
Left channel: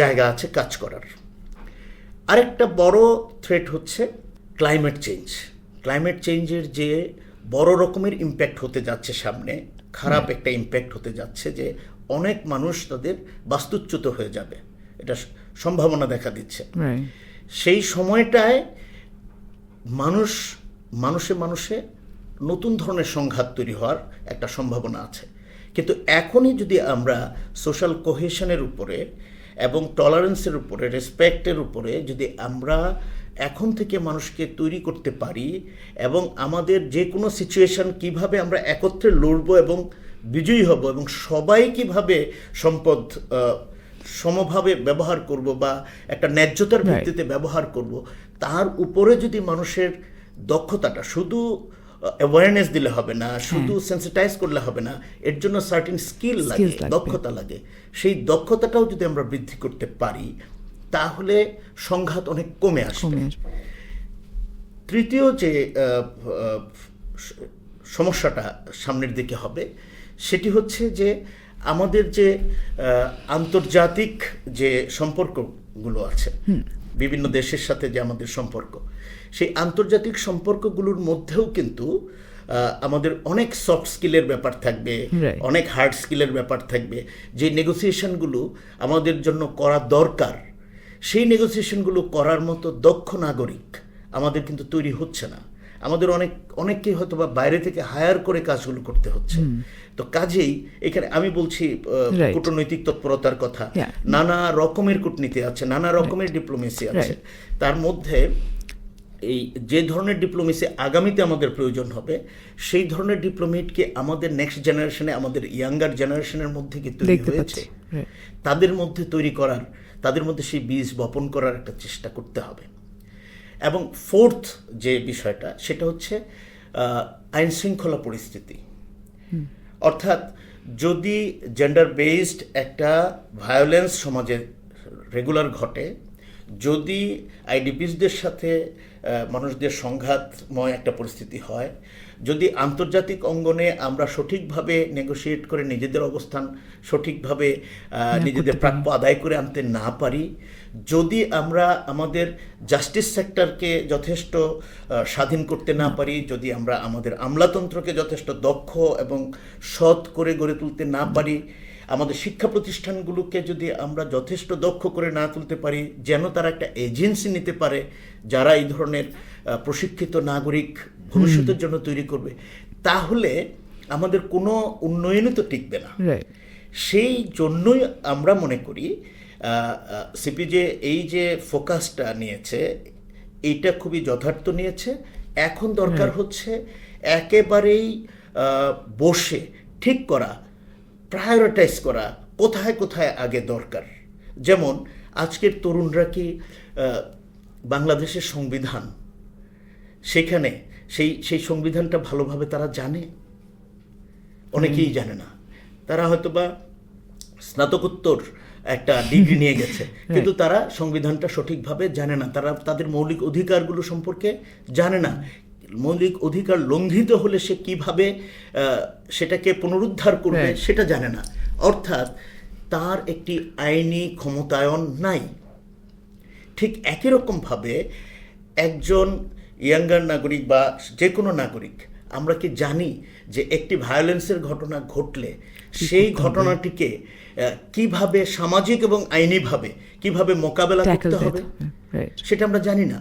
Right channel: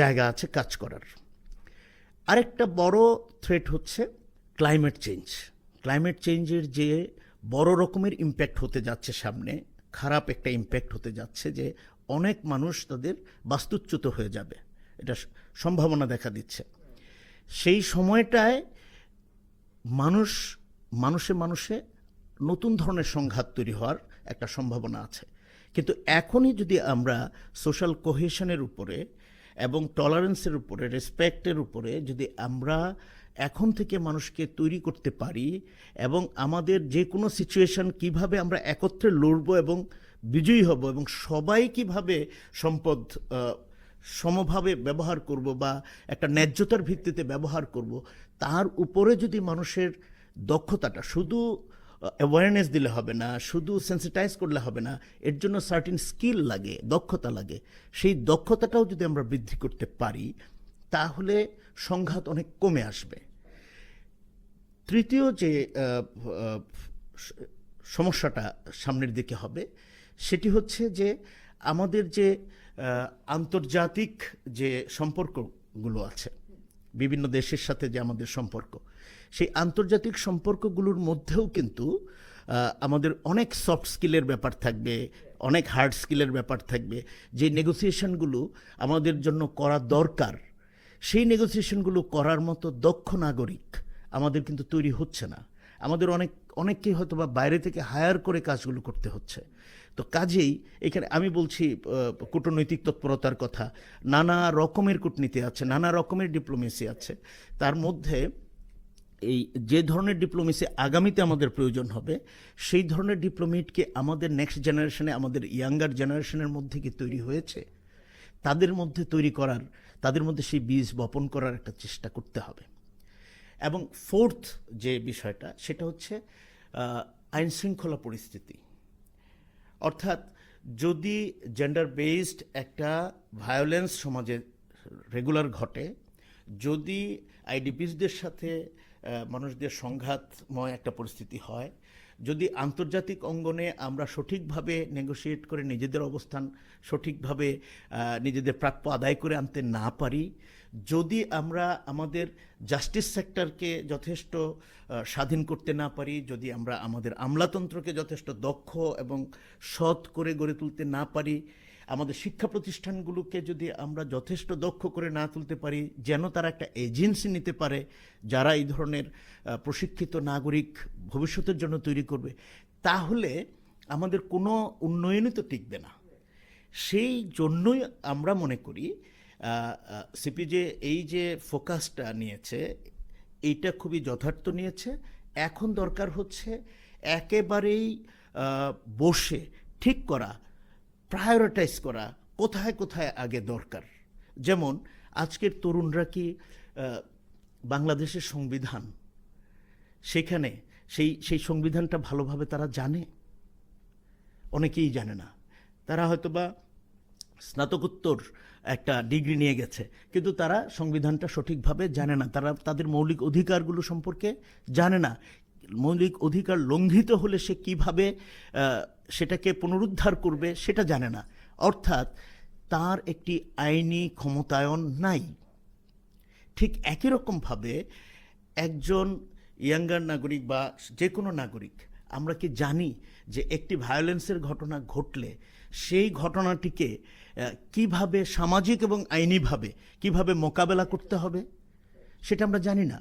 জায়গা আছে কাজ করার। আরেকটা বড় থ্রেট হচ্ছে ক্লাইমেট চেঞ্জ। ক্লাইমেট চেঞ্জের যে বড় রকমের ইম্প্যাক্ট হতে যাচ্ছে সামনে, খারাপ একটা ইম্প্যাক্ট হতে যাচ্ছে, যে অনেক মানুষ তাদের বাস্তুচ্যুত হয়ে যাবে, এটা সম্ভাবনা দেখা দিচ্ছে। সেই সময়টায় মানুষে নতুন ধরনের সংঘাত তৈরি হওয়ার একটা সম্ভাবনা আছে। কিন্তু এখনই যদি আমরা সোশ্যাল কোহেশনের উপরে এবং টলারেন্সের উপরে, রেসপেক্টের উপরে যদি আমরা এখন থেকে মানুষকে তৈরি করতে পারি, এবং আমাদের যে কোনো সিচুয়েশন কিভাবে আমরা একত্রে লড়ব এবং বিজয়ী হব, এবং সবাই কিভাবে সম্পদ সমভাবে ব্যবহার করব বা একটা ন্যায্যতার ভিত্তিতে ব্যবহার করব, তার উপরে যদি মানুষের দক্ষতাটা, শুধু অ্যাওয়ারনেস দিলে হবে না, শুধু সেন্সিটাইজ করলে হবে না, এর জন্য সার্টেন স্কিল লাগে, দক্ষতা লাগে, সেই দক্ষতাটাও যদি আমরা বৃদ্ধি করতে পারি, তাহলে সংঘাত অনেক কমে আসবে। তৃতীয় যে সমস্যাটা সামনের দিকে হবে, সেটি হচ্ছে যে আমাদের যে আন্তর্জাতিক যে সম্পর্কগুলো আছে, বিভিন্ন দেশের সাথে যে আমাদের সম্পর্ক, সেই আন্তর্জাতিক সম্পর্কগুলোর মধ্যেও কিন্তু আমাদের অনেক সফট স্কিলের ব্যাপার থাকবে, অনেক হার্ড স্কিলের ব্যাপার থাকবে, যে নেগোসিয়েশনগুলো আমাদের জন্য করা দরকার, সেই নেগোসিয়েশনগুলো করার মতো দক্ষ নাগরিক আমাদের কিন্তু তৈরি হচ্ছে না। আমাদের অনেককে হয়তো বা বাইরে থেকে হায়ার করে কাজগুলো করতে হচ্ছে। তো কাজেই এখানে আমি বলছি কূটনৈতিক তৎপরতার কথা, নানা রকমের কূটনীতি আছে, নানা রকমের ডিপ্লোমেসি আছে। তার মধ্যে এই যে ধরনের ডিপ্লোমেসি আগামীতে আমাদের প্রয়োজন হবে, সেই ধরনের ডিপ্লোমেটকে আমাদের নেক্সট জেনারেশনে, আমাদের ইয়াঙ্গার জেনারেশনের মধ্যে কি তৈরি হয়েছে, তাদের মধ্যে তৈরি করার, তাদের মধ্যে সেই বীজ বপন করার একটা চেষ্টা করতে হবে। এবং ফোর্থ যে বিষয়টা, সেটা হচ্ছে আইন শৃঙ্খলা পরিস্থিতি। অর্থাৎ যদি জেন্ডার বেসড একটা ভায়োলেন্স সমাজে রেগুলার ঘটে, যদি আইডিপিসদের সাথে মানুষদের সংঘাতময় একটা পরিস্থিতি হয়, যদি আন্তর্জাতিক অঙ্গনে আমরা সঠিকভাবে নেগোশিয়েট করে নিজেদের অবস্থান সঠিকভাবে নিজেদের প্রাপ্য আদায় করে আনতে না পারি, যদি আমরা আমাদের জাস্টিস সেক্টরকে যথেষ্ট স্বাধীন করতে না পারি, যদি আমরা আমাদের আমলাতন্ত্রকে যথেষ্ট দক্ষ এবং সৎ করে গড়ে তুলতে না পারি, আমাদের শিক্ষা প্রতিষ্ঠানগুলোকে যদি আমরা যথেষ্ট দক্ষ করে না তুলতে পারি, যেন তারা একটা এজেন্সি নিতে পারে যারা এই ধরনের প্রশিক্ষিত নাগরিক ভবিষ্যতের জন্য তৈরি করবে, তাহলে আমাদের কোনো উন্নয়নই তো টিকবে না। সেই জন্যই আমরা মনে করি সিপিজে এই যে ফোকাসটা নিয়েছে, এইটা খুবই যথার্থ নিয়েছে। এখন দরকার হচ্ছে একেবারেই বসে ঠিক করা, প্রায়োরিটাইজ করা কোথায় কোথায় আগে দরকার। যেমন আজকের তরুণরা কি বাংলাদেশের সংবিধান, সেখানে সেই সংবিধানটা ভালোভাবে তারা জানে? অনেকেই জানে না। তারা হয়তোবা স্নাতকোত্তর একটা ডিগ্রি নিয়ে গেছে, কিন্তু তারা সংবিধানটা সঠিকভাবে জানে না। তারা তাদের মৌলিক অধিকারগুলো সম্পর্কে জানে না। মৌলিক অধিকার লঙ্ঘিত হলে সে কিভাবে সেটাকে পুনরুদ্ধার করবে সেটা জানে না। অর্থাৎ তার একটি আইনি ক্ষমতায়ন নাই। ঠিক একই রকমভাবে একজন ইয়াঙ্গার নাগরিক বা যে কোনো নাগরিক, আমরা কি জানি যে একটি ভায়োলেন্সের ঘটনা ঘটলে সেই ঘটনাটিকে কিভাবে সামাজিক এবং আইনিভাবে কিভাবে মোকাবেলা করতে হবে সেটা আমরা জানি না।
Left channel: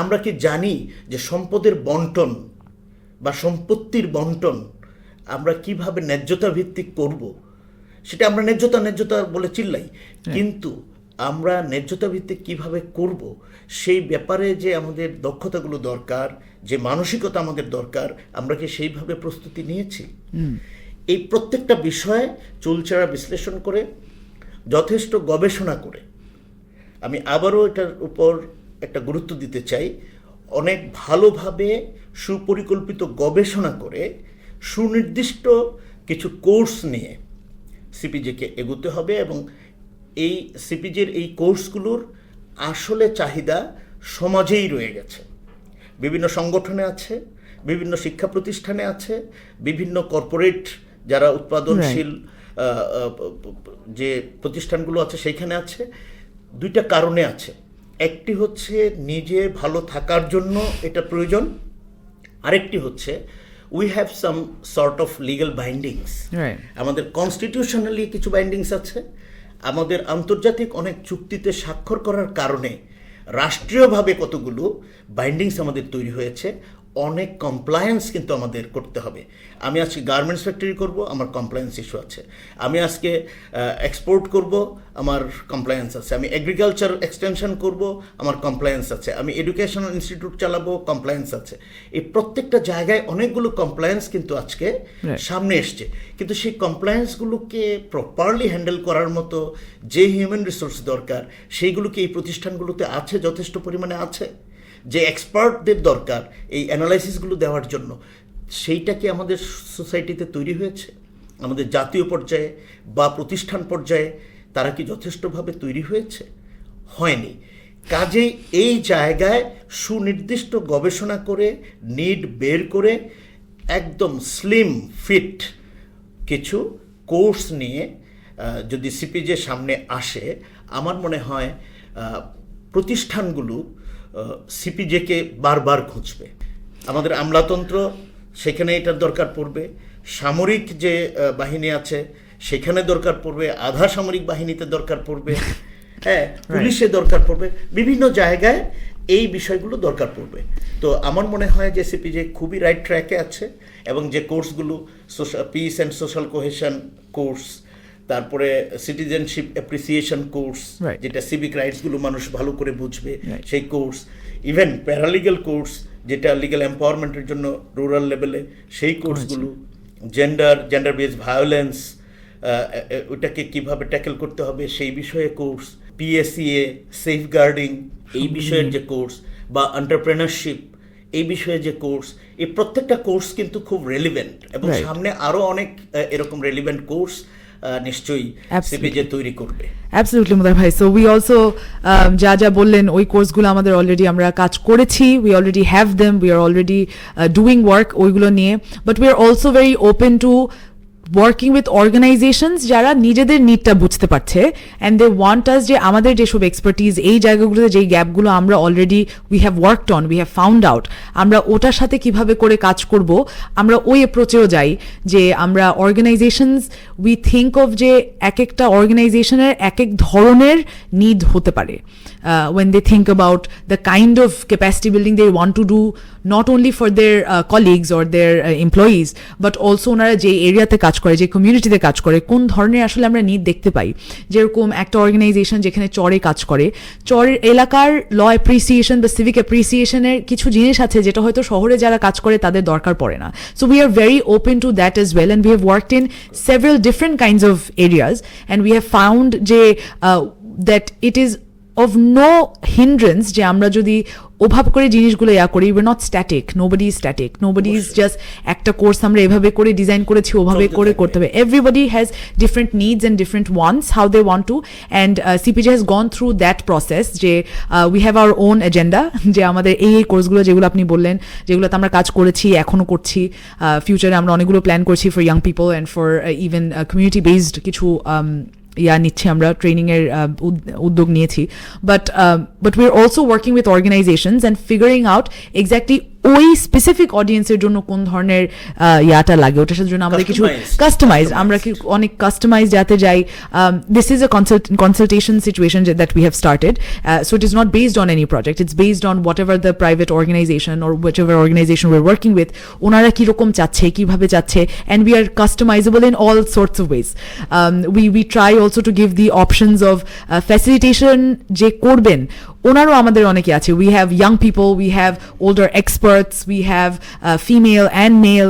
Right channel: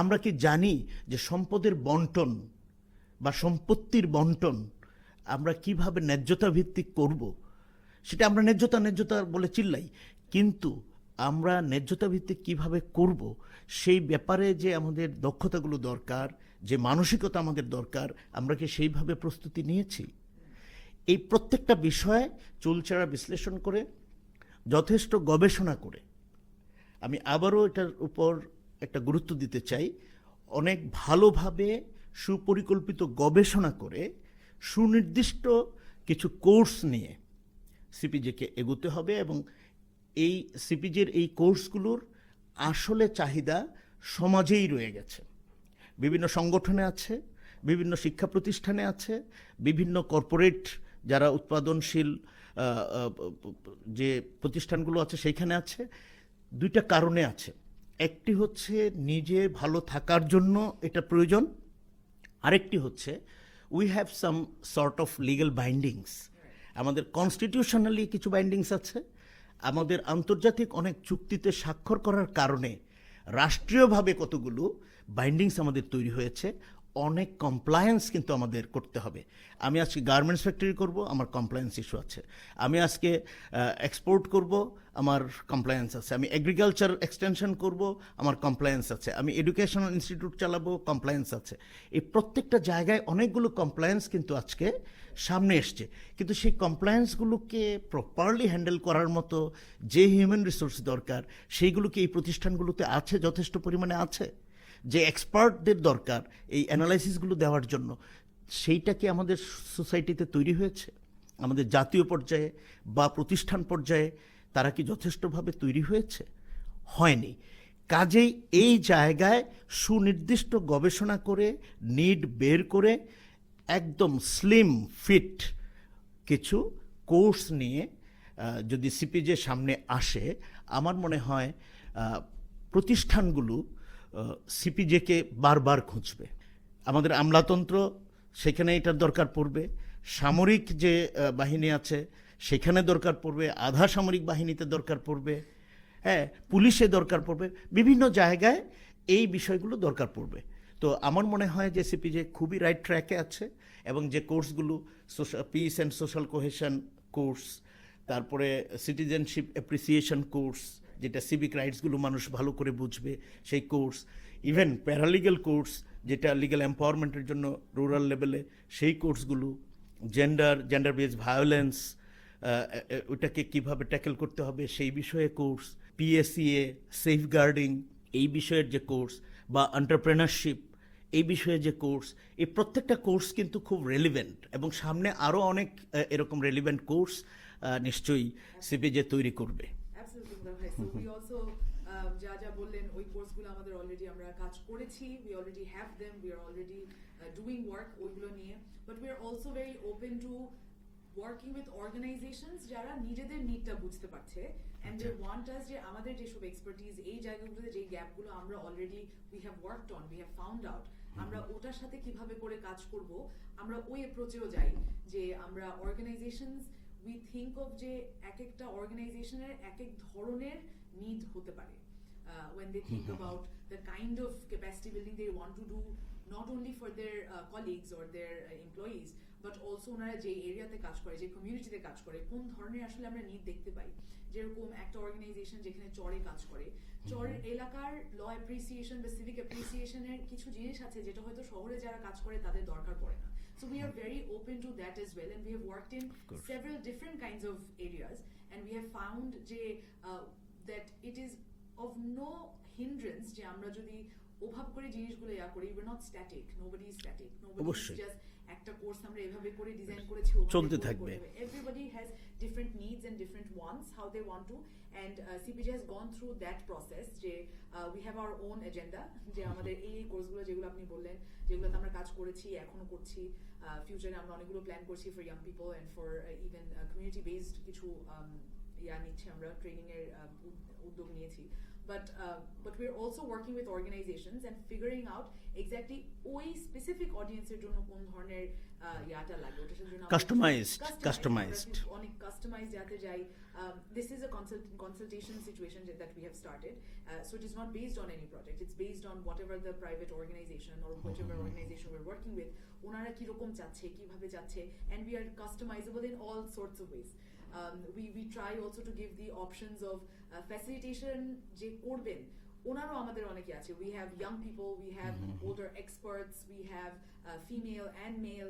আমরা কি জানি যে সম্পদের বন্টন বা সম্পত্তির বন্টন আমরা কিভাবে ন্যায্যতা ভিত্তিক করব? সেটা আমরা ন্যায্যতা বলে চিল্লাই, কিন্তু আমরা ন্যায্যতা ভিত্তিক কিভাবে করব সেই ব্যাপারে যে আমাদের দক্ষতাগুলো দরকার, যে মানসিকতা আমাদের দরকার, আমরা কি সেইভাবে প্রস্তুতি নিয়েছি? এই প্রত্যেকটা বিষয়ে চুলচেরা বিশ্লেষণ করে, যথেষ্ট গবেষণা করে, আমি আবারও এটার উপর একটা গুরুত্ব দিতে চাই, অনেক ভালোভাবে সুপরিকল্পিত গবেষণা করে সুনির্দিষ্ট কিছু কোর্স নিয়ে সিপিজেকে এগোতে হবে। এবং এই সিপিজের এই কোর্সগুলোর আসলে চাহিদা সমাজেই রয়ে গেছে। বিভিন্ন সংগঠনে আছে, বিভিন্ন শিক্ষা প্রতিষ্ঠানে আছে, বিভিন্ন কর্পোরেট যারা উৎপাদনশীল যে প্রতিষ্ঠানগুলো আছে সেইখানে আছে। দুইটা কারণে আছে। একটি হচ্ছে নিজে ভালো থাকার জন্য এটা প্রয়োজন, আরেকটি হচ্ছে we have some sort of legal bindings. আমাদের কনস্টিটিউশনালি কিছু বাইন্ডিংস আছে, আমাদের আন্তর্জাতিক অনেক চুক্তিতে স্বাক্ষর করার কারণে রাষ্ট্রীয়ভাবে কতগুলো বাইন্ডিংস আমাদের তৈরি হয়েছে। অনেক কমপ্লায়েন্স কিন্তু আমাদের করতে হবে। আমি আজকে গার্মেন্টস ফ্যাক্টরি করব, আমার কমপ্লায়েন্স ইস্যু আছে। আমি আজকে এক্সপোর্ট করব, আমার কমপ্লায়েন্স আছে। আমি এগ্রিকালচার এক্সটেনশন করব, আমার কমপ্লায়েন্স আছে। আমি এডুকেশনাল ইনস্টিটিউট চালাবো, কমপ্লায়েন্স আছে। এই প্রত্যেকটা জায়গায় অনেকগুলো কমপ্লায়েন্স কিন্তু আজকে সামনে এসছে, কিন্তু সেই কমপ্লায়েন্সগুলোকে প্রপারলি হ্যান্ডেল করার মতো যে হিউম্যান রিসোর্স দরকার সেইগুলোকে এই প্রতিষ্ঠানগুলোতে আছে, যথেষ্ট পরিমাণে আছে। যে এক্সপার্টদের দরকার এই অ্যানালাইসিসগুলো দেওয়ার জন্য, সেইটা কি আমাদের সোসাইটিতে তৈরি হয়েছে? আমাদের জাতীয় পর্যায়ে বা প্রতিষ্ঠান পর্যায়ে তারা কি যথেষ্টভাবে তৈরি হয়েছে? হয়নি। কাজেই এই জায়গায় সুনির্দিষ্ট গবেষণা করে, নিড বের করে, একদম স্লিম ফিট কিছু কোর্স নিয়ে যদি সিপিজে সামনে আসে, আমার মনে হয় প্রতিষ্ঠানগুলো সিপিজেকে বারবার খুঁজবে। আমাদের আমলাতন্ত্র, সেখানে এটার দরকার পড়বে। সামরিক যে বাহিনী আছে সেখানে দরকার পড়বে, আধা সামরিক বাহিনীতে দরকার পড়বে, হ্যাঁ, পুলিশে দরকার পড়বে, বিভিন্ন জায়গায় এই বিষয়গুলো দরকার পড়বে। তো আমার মনে হয় যে সিপিজে খুবই রাইট ট্র্যাকে আছে। এবং যে কোর্সগুলো piece and social cohesion course, তারপরে সিটিজেনশিপ অ্যাপ্রিসিয়েশন কোর্স, যেটা সিভিক রাইটসগুলো মানুষ ভালো করে বুঝবে সেই কোর্স, ইভেন প্যারালিগাল কোর্স যেটা লিগ্যাল এম্পাওয়ারমেন্টের জন্য রুরাল লেভেলে সেই কোর্সগুলো, জেন্ডার বেসড ভায়োলেন্স ওটাকে কিভাবে ট্যাকেল করতে হবে সেই বিষয়ে কোর্স, পিএসিএ, সেফগার্ডিং এই বিষয়ের যে কোর্স, বা এন্টারপ্রেনারশিপ এই বিষয়ে যে কোর্স, এই প্রত্যেকটা কোর্স কিন্তু খুব রেলিভেন্ট। এবং সামনে আরো অনেক এরকম রেলিভেন্ট কোর্স নিশ্চয়ই সিপিজে তৈরি করবে। Absolutely, Motahar bhai. So we also যা বললেন ওই কোর্সগুলো আমাদের অলরেডি আমরা কাজ করেছি, we already have them, we are already doing work ওইগুলো নিয়ে, but we are also very open to working with organizations যারা নিজেদের নিডটা বুঝতে পারছে, and they want us যে আমাদের যেসব এক্সপার্টিজ এই জায়গাগুলোতে যেই গ্যাপগুলো আমরা already we have worked on, we have found out, আমরা ওটার সাথে কিভাবে করে কাজ করব, আমরা ওই অ্যাপ্রোচেও যাই যে আমরা অর্গানাইজেশনস we think of যে এক একটা অর্গানাইজেশনের এক এক ধরনের নিড হতে পারে when they think about the kind of capacity building they want to do, not only for their colleagues or their employees, but also ওনারা যে এরিয়াতে কাজ কাজ করে, যে কমিউনিটিতে কাজ করে, কোন ধরনের আসলে আমরা নিড দেখতে পাই। যেরকম একটা অর্গানাইজেশন যেখানে চরে কাজ করে, চরের এলাকার ল অ্যাপ্রিসিয়েশন বা সিভিক অ্যাপ্রিসিয়েশনের কিছু জিনিস আছে যেটা হয়তো শহরে যারা কাজ করে তাদের দরকার পড়ে না। So we are very open to that as well, and we have worked in several different kinds of areas, and we have found যে that it is of no hindrance যে আমরা যদি ওভাবে করে জিনিসগুলো করি, we're not static, nobody is static, nobody is just একটা course আমরা এভাবে করে ডিজাইন করেছি ওভাবে করে করতে হবে। everybody has different needs and different wants, how they want to, and CPJ has gone through that process যে we have our own agenda, যে আমাদের এই কোর্সগুলো যেগুলো আপনি বললেন, যেগুলোতে আমরা কাজ করেছি, এখনো করছি, ফিউচারে আমরা অনেকগুলো প্ল্যান করছি for young people and for even community based কিছু নিচ্ছি, আমরা ট্রেনিংয়ের উদ্যোগ নিয়েছি। But we are also working with organisations and figuring out exactly ওই স্পেসিফিক অডিয়েন্সের জন্য কোন ধরনের লাগে, ওটার জন্য আমাদের কিছু কাস্টমাইজ, আমরা কি অনেক কাস্টমাইজ যাতে যাই। This is a consultation situation that we have started, so it is not based on any project, it's based on whatever the private organisation or whatever organisation we are working with, ওনারা কীরকম চাচ্ছে, কীভাবে চাচ্ছে, and we are customisable in all sorts of ways. We try also to give the options of facilitation যে করবেন, ওনারও আমাদের অনেকে আছে। We have young people, we have older experts, we have female and male.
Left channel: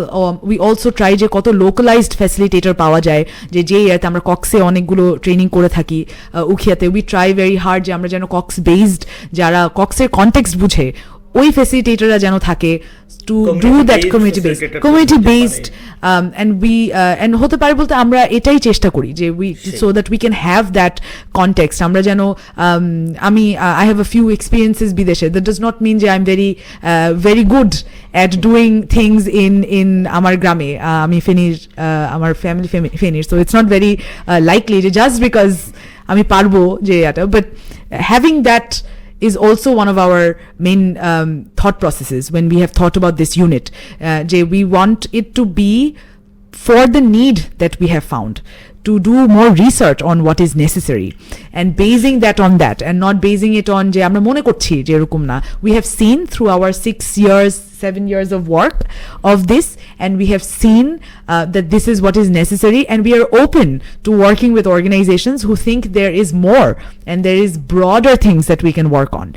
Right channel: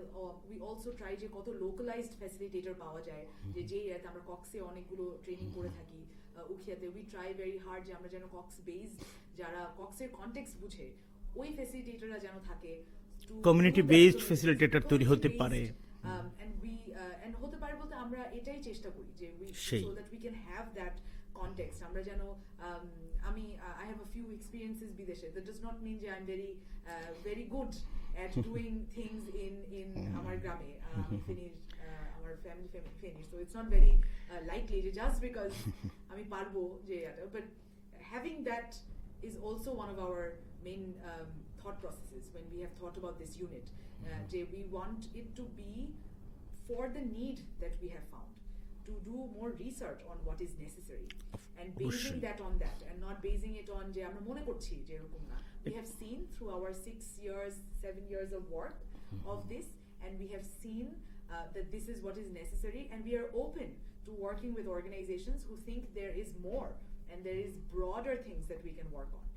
We also try যে কত localised facilitator পাওয়া যায়, যে ইয়াতে আমরা কক্সে অনেকগুলো ট্রেনিং করে থাকি, উখিয়াতে। উই ট্রাই ভেরি হার্ড যে আমরা যেন কক্স বেসড, যারা কক্সের কনটেক্সট বুঝে, ওই ফ্যাসিলিটেটররা যেন থাকে to do that community based and we and হতে পারে বলতে আমরা এটাই চেষ্টা করি যে we so that we can have that context, আমরা যেন আমি I have a few experiences বিদেশে, that does not mean যে I'm very good at doing things in আমার গ্রামে, আমি ফেনীর, আমার ফ্যামিলি ফেনীর, so it's not very likely just because আমি পারবো যে এটা, but having that is also one of our main thought processes when we have thought about this unit. We want it to be for the need that we have found, to do more research on what is necessary and basing that on that, and not basing it on je amra mone korchi je erokom na. We have seen through our 7 years of work of this, and we have seen that this is what is necessary, and we are open to working with organizations who think there is more and there is broader things that we can work on,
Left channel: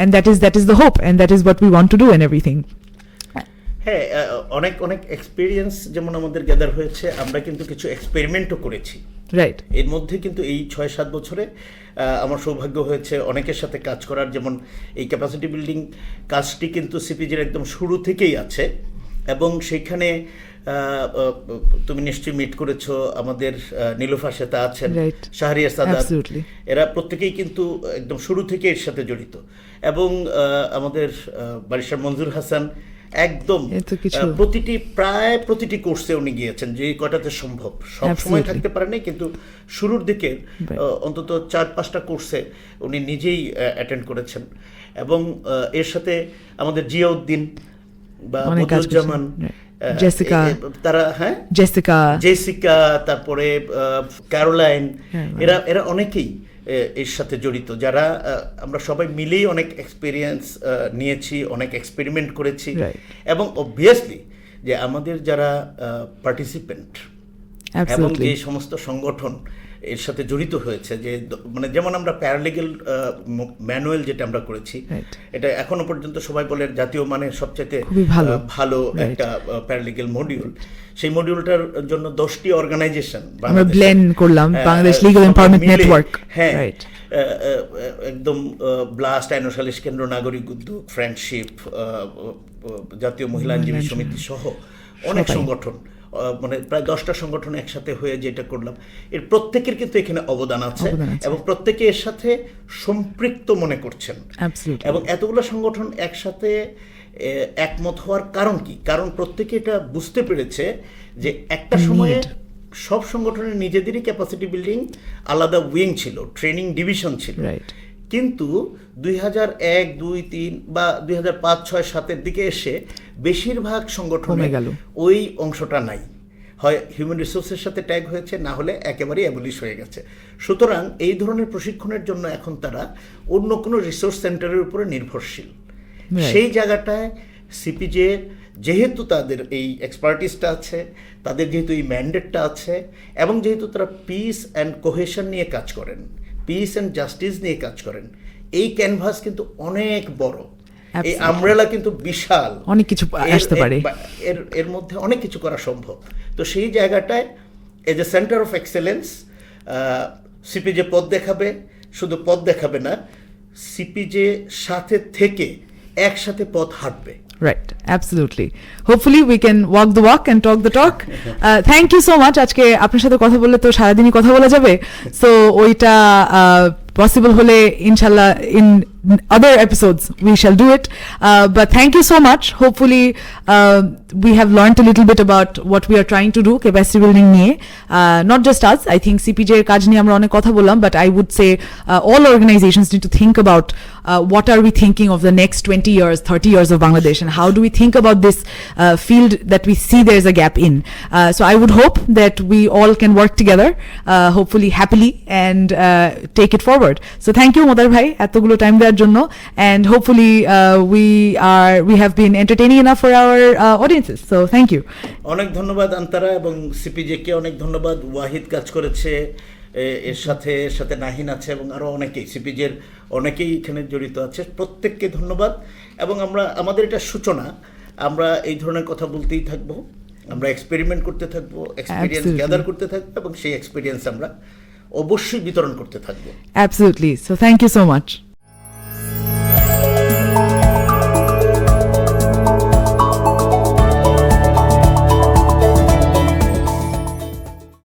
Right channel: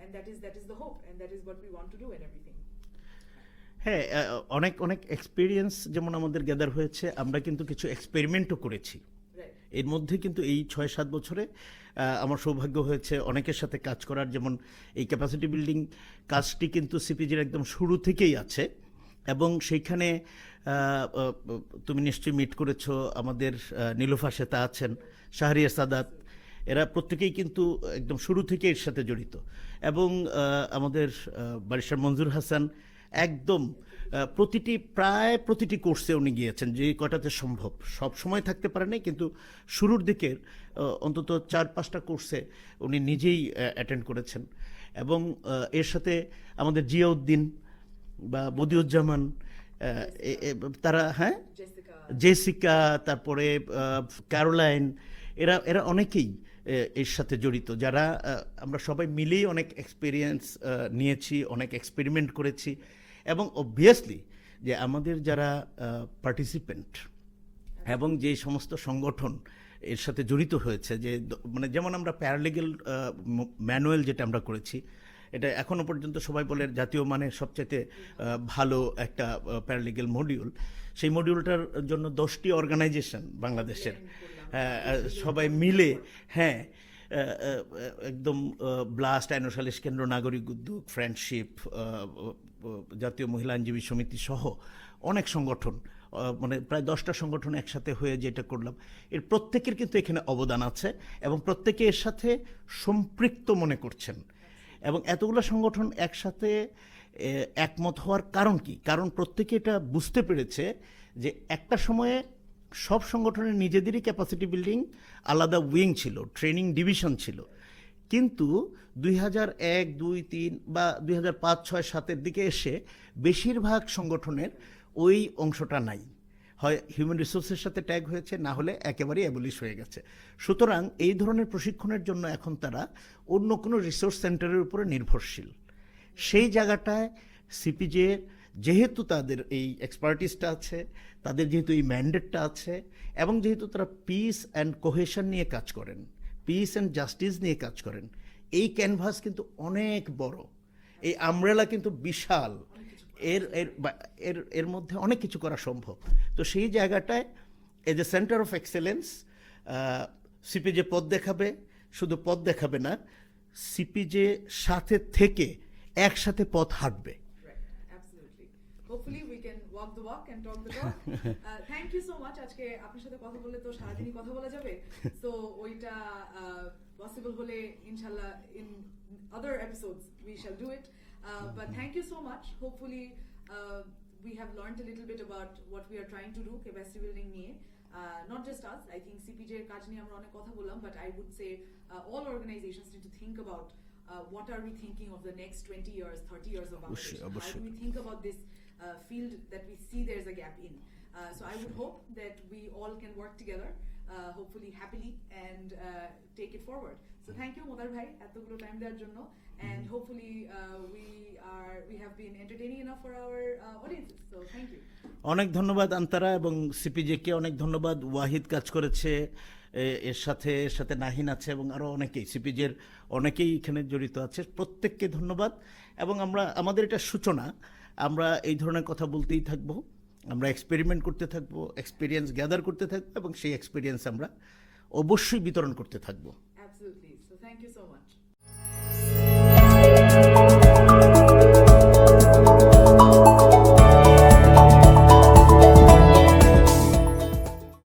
and that is the hope, and that is what we want to do and everything. হ্যাঁ, অনেক অনেক experience যেমন আমাদের gather হয়েছে, আমরা কিন্তু কিছু এক্সপেরিমেন্টও করেছি। রাইট। এর মধ্যে কিন্তু এই 6-7 বছরে আমার সৌভাগ্য হয়েছে অনেকের সাথে কাজ করার। যেমন এই ক্যাপাসিটি বিল্ডিং কাজটি কিন্তু সিপিজির একদম শুরু থেকেই আছে, এবং সেইখানে তুমি নিশ্চয়ই মিট করেছো আমাদের নীলুফা সেতা আছেন, শাহরিয়ার সাদাত, এরা প্রত্যেকেই কিন্তু একদম শুরু থেকে এর সাথে জড়িত। এবং আমাদের বারিশার মঞ্জুর হাসান একদম প্রায় প্রতিটি কোর্সে উনি গিয়েছেন, যে কয়টাতে সম্ভব। সব সময় থাকতে পারেনি, কিন্তু শুরুর দিকে অন্তত 4-5টা কোর্সে উনি নিজেই অ্যাটেন্ড করেছেন। এবং এর সাথে আমাদের জিয়াউদ্দিন বা মধুজ্জামান, তারা জেসিকা, তারপরে ক্যারোলাইন, এরা অনেকেই এর সাথে জড়িত, যারা আমরা সবাই মিলেই অনেক এক্সপিরিয়েন্স নিয়েছি, অনেক এক্সপেরিমেন্ট করেছি। এবং অবভিয়াসলি যে আমাদের যারা পার্টিসিপেন্ট এবং যে সমস্ত সংগঠন এর সাথে জড়িত হয়েছে, যে মানে যেমন আমরা প্যারালিগ্যাল ম্যানুয়াল যেটা আমরা করেছি, এটা এখনো পর্যন্ত সবাই বলে জাতীয় মানের সবচেয়ে ভালো একটা প্যারালিগ্যাল মডিউল। সেই মডিউলটার জন্য 10টি অর্গানাইজেশন আমরা ব্লেন্ড করলাম, বাংলাদেশ লিগ্যাল এমপাওয়ারমেন্ট নেটওয়ার্ক, হ্যাঁ, একদম ব্লাস্ট, আইন সালিশ কেন্দ্র, নাগরিক উদ্যোগ, ফ্রেন্ডশিপ, জাতীয় মহিলা আইনজীবী সমিতি সহ অনেক সংগঠন, মানে প্রায় 10টা সংগঠন একসাথে হয়ে যেটা করলাম, এর প্রত্যেকের কিন্তু এখানে অবদান আছে, এবং প্রত্যেকে এর সাথে সম্পৃক্ত মনে করছেন। এবং এতগুলো সংগঠন একসাথে একমত হওয়ার কারণ কি? কারণ প্রত্যেকে এটা বুঝতে পেরেছে যে একটা সময়ে সব সংগঠনের নিজেদেরই ক্যাপাসিটি বিল্ডিং আলাদা উইং ছিল, ট্রেনিং ডিভিশন ছিল, কিন্তু 2001, 2, 3 বা 2005, 6, 7-এর দিকে এসে বেশিরভাগ সংগঠনে ওই অংশটা নাই, হয় হিউম্যান রিসোর্সের সাথে ট্যাগ হয়েছে, না হলে একেবারেই অ্যাবলিশ হয়ে গেছে। সুতরাং এই ধরনের প্রশিক্ষণের জন্য এখন তারা অন্য কোনো রিসোর্স সেন্টারের উপরে নির্ভরশীল। সেই জায়গাটায় সিপিজে যেহেতু তাদের এই এক্সপার্টিসটা আছে, তাদের যেহেতু এই ম্যান্ডেটটা আছে, এবং যেহেতু তারা পিস অ্যান্ড কোহেশন নিয়ে কাজ করেন, পিস অ্যান্ড জাস্টিস নিয়ে কাজ করেন, এই ক্যানভাস কিন্তু অনেক বড়, এই আমব্রেলা কিন্তু বিশাল, অনেক কিছু আসতে পারে, এর মধ্যে অনেক কিছু করা সম্ভব। তো সেই জায়গাটায় as a centre of excellence CPJ পথ দেখাবে, শুধু পথ দেখাবে না, সিপিজে সাথে থেকে একসাথে পথ হাঁটবে। Right, absolutely. Hopefully we can walk the walk and talk the talk. Thank you so much. আজকে আপনার সাথে কথা বললে তো সারাদিনই কথা বলা যাবে, সো ওইটা পসিবল হলে ইনশাল্লাহ in other episodes we shall do it. But thank you so much. Hopefully we have learned a little bit about what we are trying to do capacity building নিয়ে, not just us. I think CPJ এর কাজ নিয়ে আমরা অনেক কথা বললাম, but I would say all organizations need to think about what are we thinking of the next 20 years, 30 years of Bangladesh, and how do we think about this field that we see there is a gap in. So I would hope that we all can work together, hopefully happily, and take it forward. So thank you Motahar bhai এতগুলো time দেওয়ার জন্য, and hopefully we have been entertaining enough for our audiences. So thank you. অনেক ধন্যবাদ আন্তারা, এবং CPJ কে অনেক ধন্যবাদ। ওয়াহিদ কাজ করেছে এর সাথে নাহিন আছে, এবং আরো অনেকেই সিপিজের অনেকেই এখানে জড়িত আছে, প্রত্যেককে ধন্যবাদ। এবং আমাদের এটা সূচনা, আমরা এই ধরনের কথা বলতেই থাকবো, আমরা এক্সপেরিমেন্ট করতে থাকবো, এক্সপিরিয়েন্স গ্যাদার করতে থাকবো, এবং সেই এক্সপিরিয়েন্স আমরা অবশ্যই বিতরণ করতে থাকবো। Absolutely. So thank you so much.